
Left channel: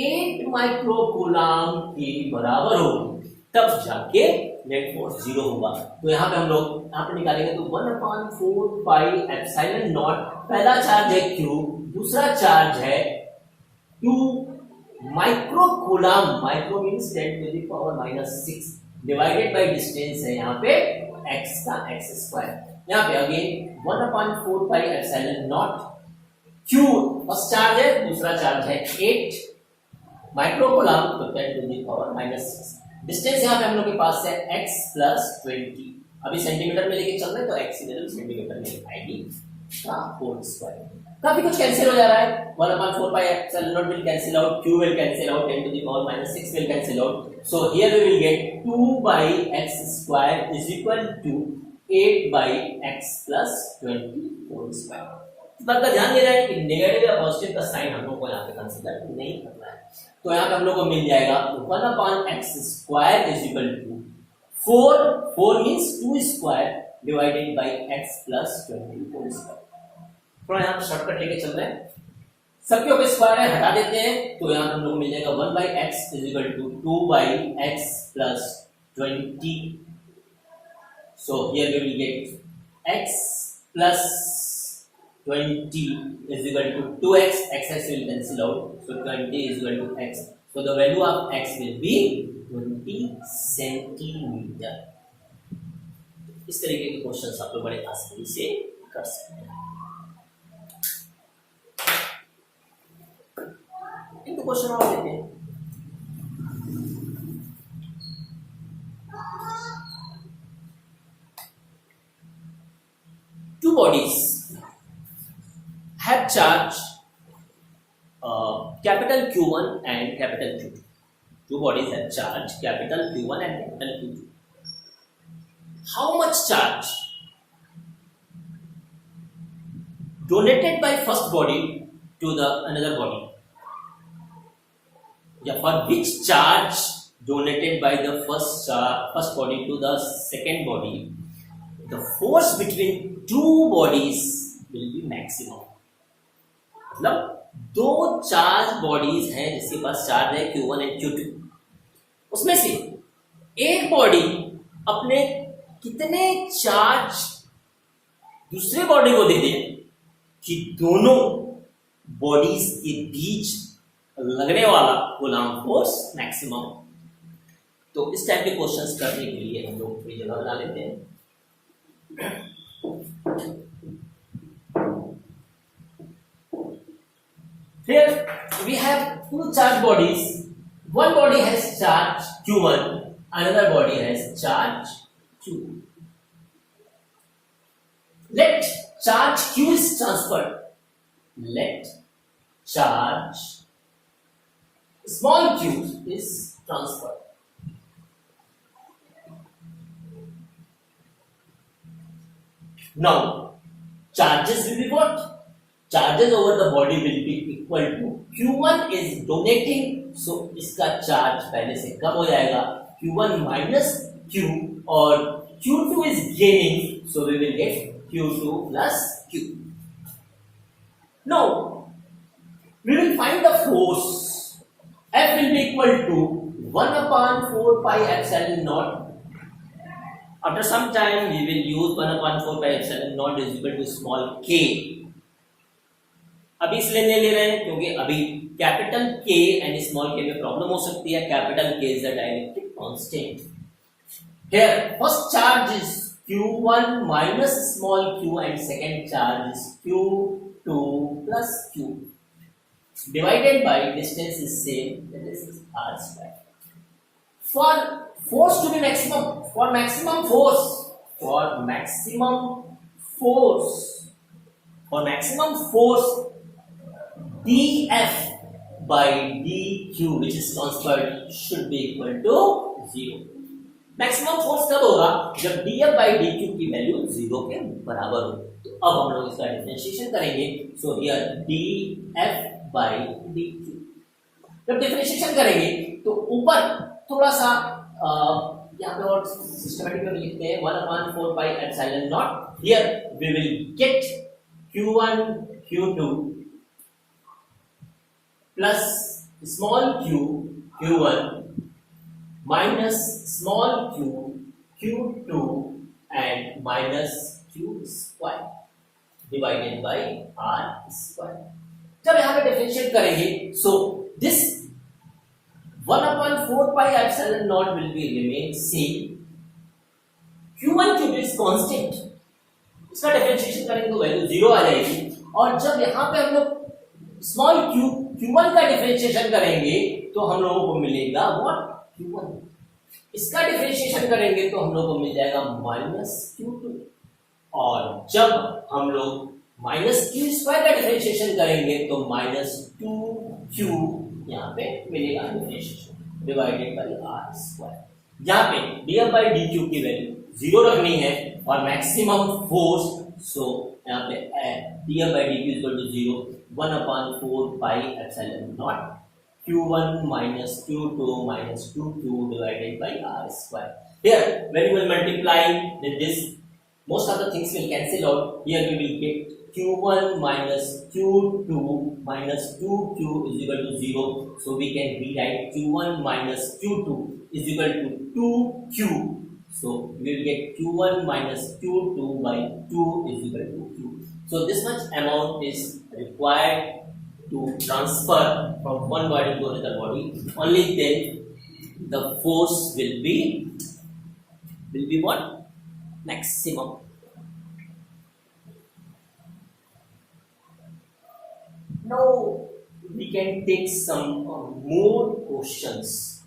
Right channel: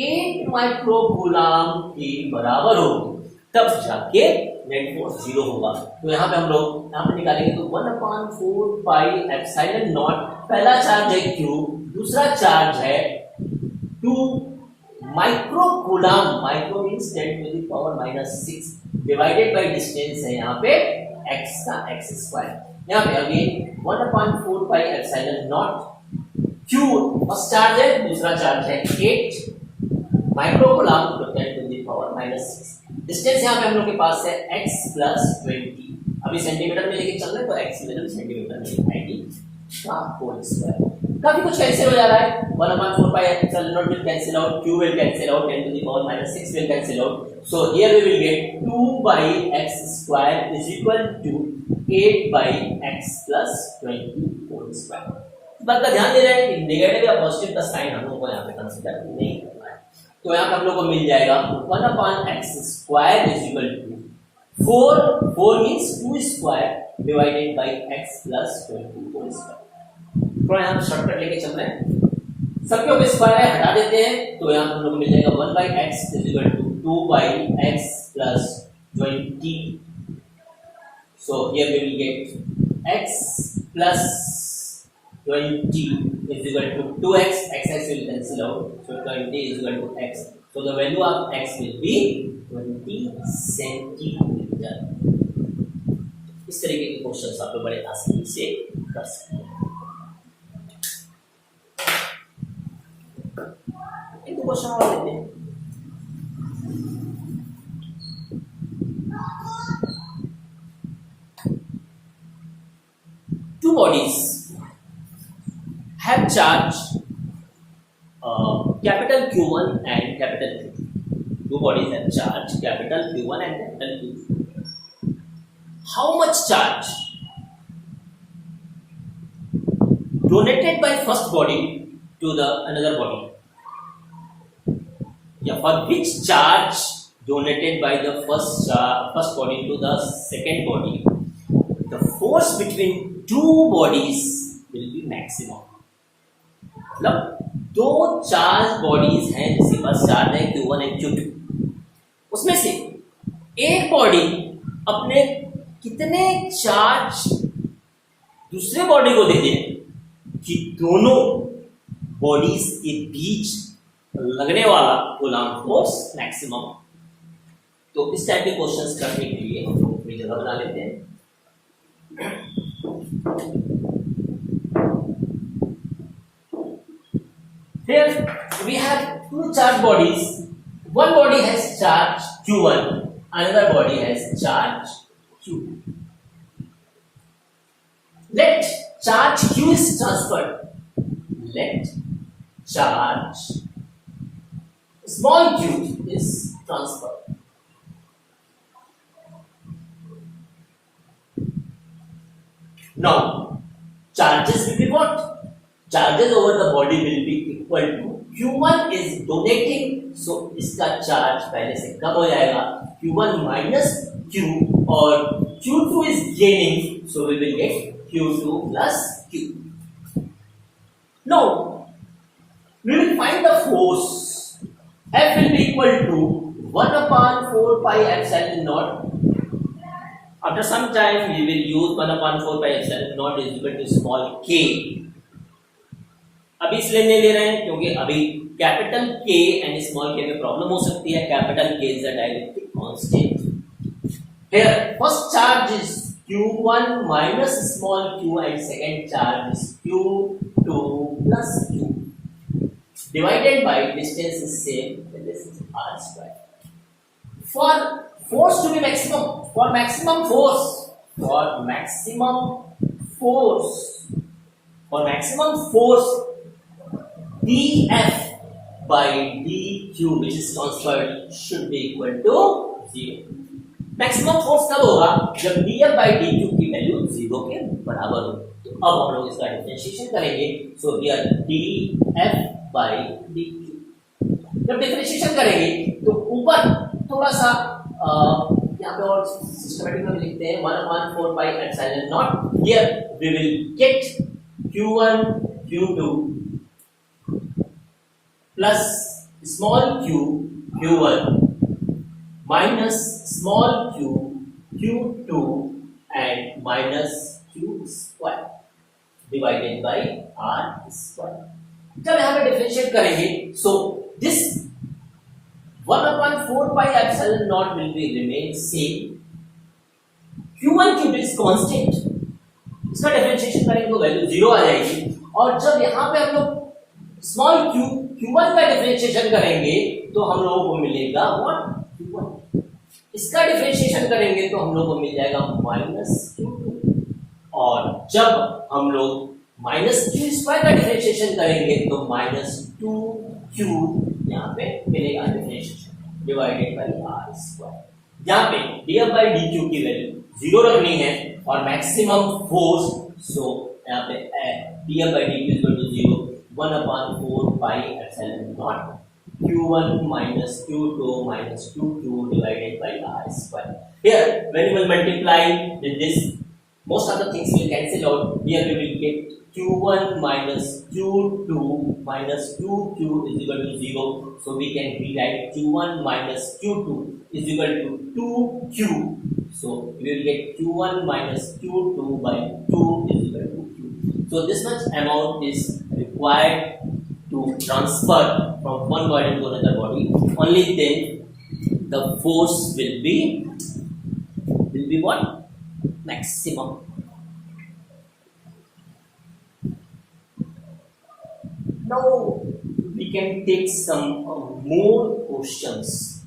8 माइक्रोकूलम के बराबर होगी तब जाके नेट फोर्स 0 होगा। तो यहाँ पे हम लोग यहाँ पे निकालेंगे तो 1/4 पाई एप्सिलॉन नॉट, पहला चार्ज है Q, दूसरा चार्ज है 2 microcoulomb, micro means 10⁻⁻6 divided by distance है यहाँ पे x का x²। यहाँ पे अगेन 1/4 pi epsilon not, Q first charge है, दूसरा चार्ज है 8 माइक्रोकूलम तो 10⁻⁻6। डिस्टेंस यहाँ पे हम लोग के पास है x + 20, अभी सेंटीमीटर में लेके चल रहे हैं तो x की वैल्यू सेंटीमीटर में लिखाएगी का होल स्क्वायर। काफी कुछ कैंसिल हो जा रहा है, 1/4 pi epsilon not will cancel out, Q will cancel out, 10⁻⁻6 will cancel out, so here we will get 2/x² is equal to 8/x + 20 whole square. इस बात का ध्यान दे रहे हैं कि नेगेटिव या पॉजिटिव का साइन हम लोग को यहाँ पे कंसीडर नहीं करना है। तो यहाँ पे हम लोग को मिल जाएगा 1/x² is equal to 4 means 2² divided by x + 20 whole square. थोड़ा यहाँ शॉर्टकट लेके चल रहे हैं, सबके ऊपर स्क्वायर है हटा देते हैं तो यहाँ हम लोग को मिल जाएगा 1/x is equal to 2/x + 20। So here we will get x + 20 is equal to 2x, x will cancel out, so 20 is equal to x, so the value of x will be 20 सेंटीमीटर। इस तरीके के क्वेश्चंस आप लोग बड़े आसानी से कर सकते हैं। क्वेश्चन और लेते हैं। Two bodies have charge capital Q1 and capital Q2. Two bodies have charge capital Q1 and capital Q2. How much charge donated by first body to the another body? Yeah, for which charge donated by the first body to the second body, the force between two bodies will be maximum. मतलब दो charge bodies हैं जिसके पास चार्ज है Q1 and Q2, उसमें से एक बॉडी अपने कितने चार्ज दूसरे बॉडी को दे दे कि दोनों बॉडीज के बीच लगने वाला कूलम्ब फोर्स मैक्सिमम। तो इस टाइप के क्वेश्चंस करने के लिए हम लोग कोई जगह बना लेते हैं। Here we have two charge bodies. One body has charge Q1, another body has charge Q. Let charge Q is transferred. Let charge small q is transferred. Now charges will be what? Charges over the body will be equal to Q1 is donating, so इसका charge पहले से कम हो जाएगा, Q1 minus Q, और Q2 is gaining, so we will get Q2 plus Q. Now we will find the force. F will be equal to 1 upon 4 pi epsilon naught. After some time we will use 1 upon 4 pi epsilon naught is equal to small k. अभी इसलिए नहीं ले रहे हैं क्योंकि अभी capital K and small k में प्रॉब्लम हो सकती है। Capital K is a dielectric constant. Here first charge is Q1 minus small q and second charge is Q2 plus Q. Divided by distance is same, this is r square. For force to be maximum, for maximum force, dF by dq which is transferred should be equal to 0. Maximum force कब होगा? जब dF by dq की वैल्यू 0 के बराबर हो। तो अब हम लोग इसका डिफरेंशिएशन करेंगे। So here dF by dq जब डिफरेंशिएशन करेंगे तो ऊपर थोड़ा सा यहाँ पे और सिस्टमैटिक में लिखते हैं 1/4 pi epsilon naught. Here we will get Q1 Q2 plus small q Q1 minus small q Q2 and minus q square divided by r square. जब यहाँ पे डिफरेंशिएट करेंगे so this 1/4 pi epsilon naught will be remain same. Q1 Q2 is constant. इसका डिफरेंशिएशन करेंगे तो वैल्यू 0 आ जाएगी। और जब यहाँ पे हम लोग स्मॉल Q1 का डिफरेंशिएशन करेंगे तो हम लोगों को मिलेगा व्हाट? Q1। इसका डिफरेंशिएशन करेंगे तो हम लोगों को मिल जाएगा माइनस Q2। और जब हम लोग माइनस Q स्क्वायर का डिफरेंशिएशन करेंगे तो माइनस 2Q यहाँ पे मिलेगा differentiation divided by r square. यहाँ पे dF by dq की वैल्यू 0 रखनी है और मैक्सिमम फोर्स सो यहाँ पे dF by dq equal to 0 1/4 pi epsilon naught Q1 minus Q2 minus 2Q divided by r square. Here when you will multiply then this most of the things will cancel out. Here we will get Q1 minus Q2 minus 2Q is equal to 0. So we can rewrite Q1 minus Q2 is equal to 2Q. So we will get Q1 minus Q2 by 2 is equal to Q. So this much amount is required to transfer from one body to another body. Only then the force will be what? Maximum. Now we can take some more questions.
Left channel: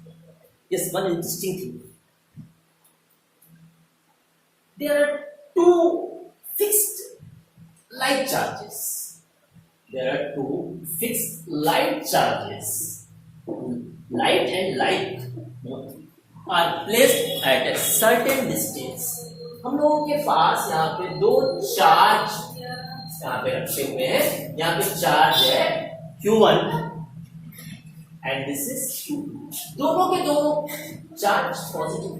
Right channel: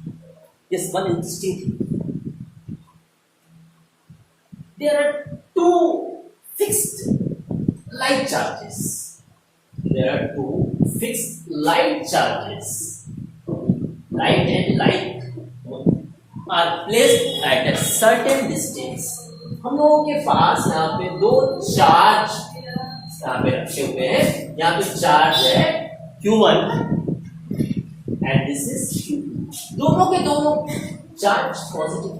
Yes, one interesting thing. There are two fixed light charges. There are two fixed light charges. Light and light are placed at a certain distance. हम लोगों के पास यहाँ पे दो चार्ज यहाँ पे रखे हुए हैं. यहाँ पे चार्ज है Q1 and this is Q2. दोनों के दोनों charge positive.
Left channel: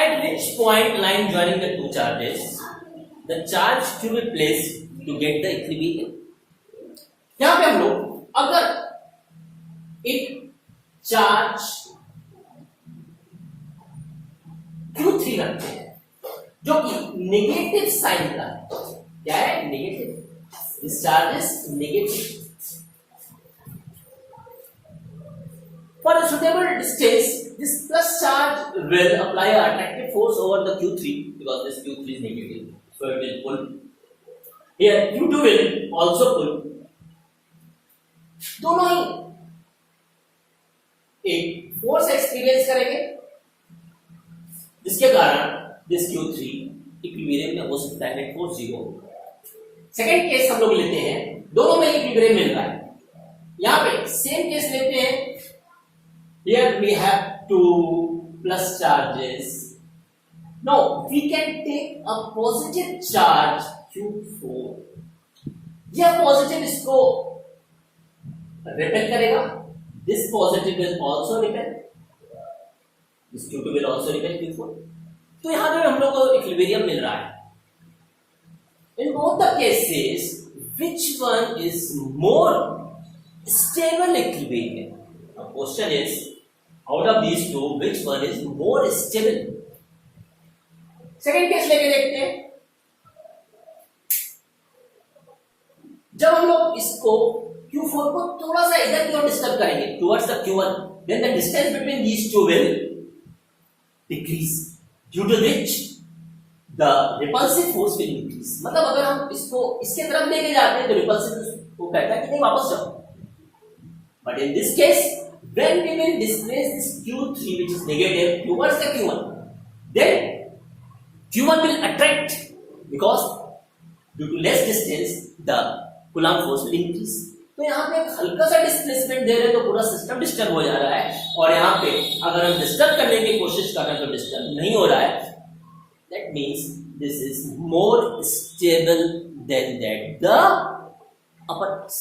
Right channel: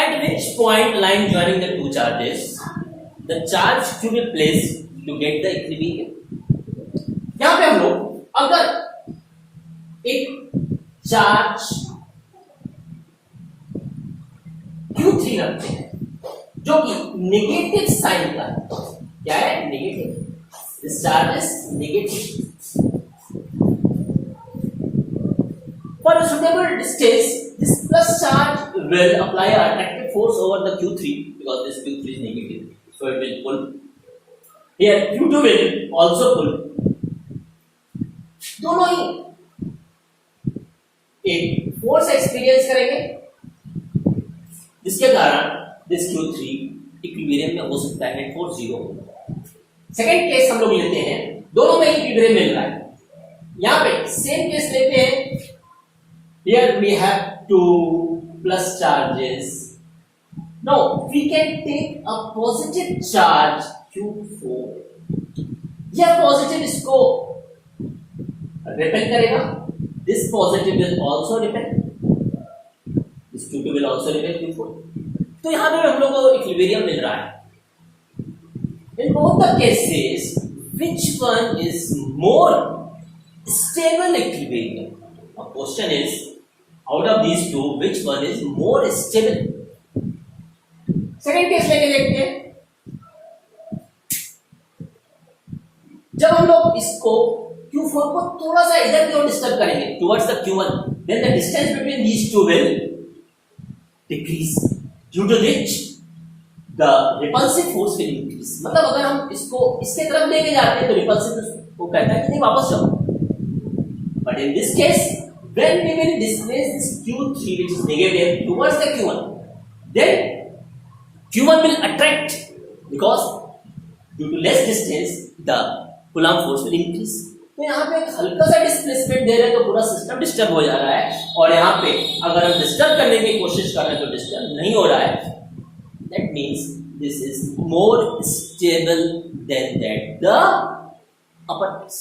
At which point line joining the two charges, the charge to be placed to get the equilibrium. यहाँ पे हम लोग अगर एक चार्ज Q3 रखते हैं जो कि नेगेटिव साइन का है. क्या है? Negative. This charge is negative. For a suitable distance, this plus charge will apply an attractive force over the Q3 because this Q3 is negative, so it will pull. Here Q2 will also pull. दोनों ही एक force experience करेंगे जिसके कारण this Q3 equilibrium में हो सकता है, net force 0 होगा. सेकेंड केस हम लोग लेते हैं, दोनों में इक्विलिब्रियम मिल रहा है. यहां पे सेम केस लेते हैं. Here we have two plus charges. Now we can take a positive charge Q4. यह पॉजिटिव इसको रिपेल करेगा. This positive will also repel. This Q2 will also repel Q4. तो यहां पे हम लोग को इक्विलिब्रियम मिल रहा है. In both the cases, which one is more stable equilibrium? The question is, out of these two, which one is more stable? Second case लेके देखते हैं. जब हम लोग इसको Q4 को थोड़ा सा इधर की ओर डिस्टर्ब करेंगे towards the Q1, then the distance between these two will decrease, due to which the repulsive force will increase. मतलब अगर हम इसको इसके तरफ लेके जाते हैं तो रिपल्सिव को कहता है कि नहीं वापस जाओ. But in this case, when we will displace this Q3 which is negative towards the Q1, then Q1 will attract because due to less distance the Coulomb force will increase. तो यहाँ पे एक हल्का सा डिस्प्लेसमेंट दे रहे हैं तो पूरा सिस्टम डिस्टर्ब हो जा रहा है. और यहाँ पे अगर हम डिस्टर्ब करने की कोशिश कर रहे हैं तो डिस्टर्ब नहीं हो रहा है. That means this is more stable than that the upper case.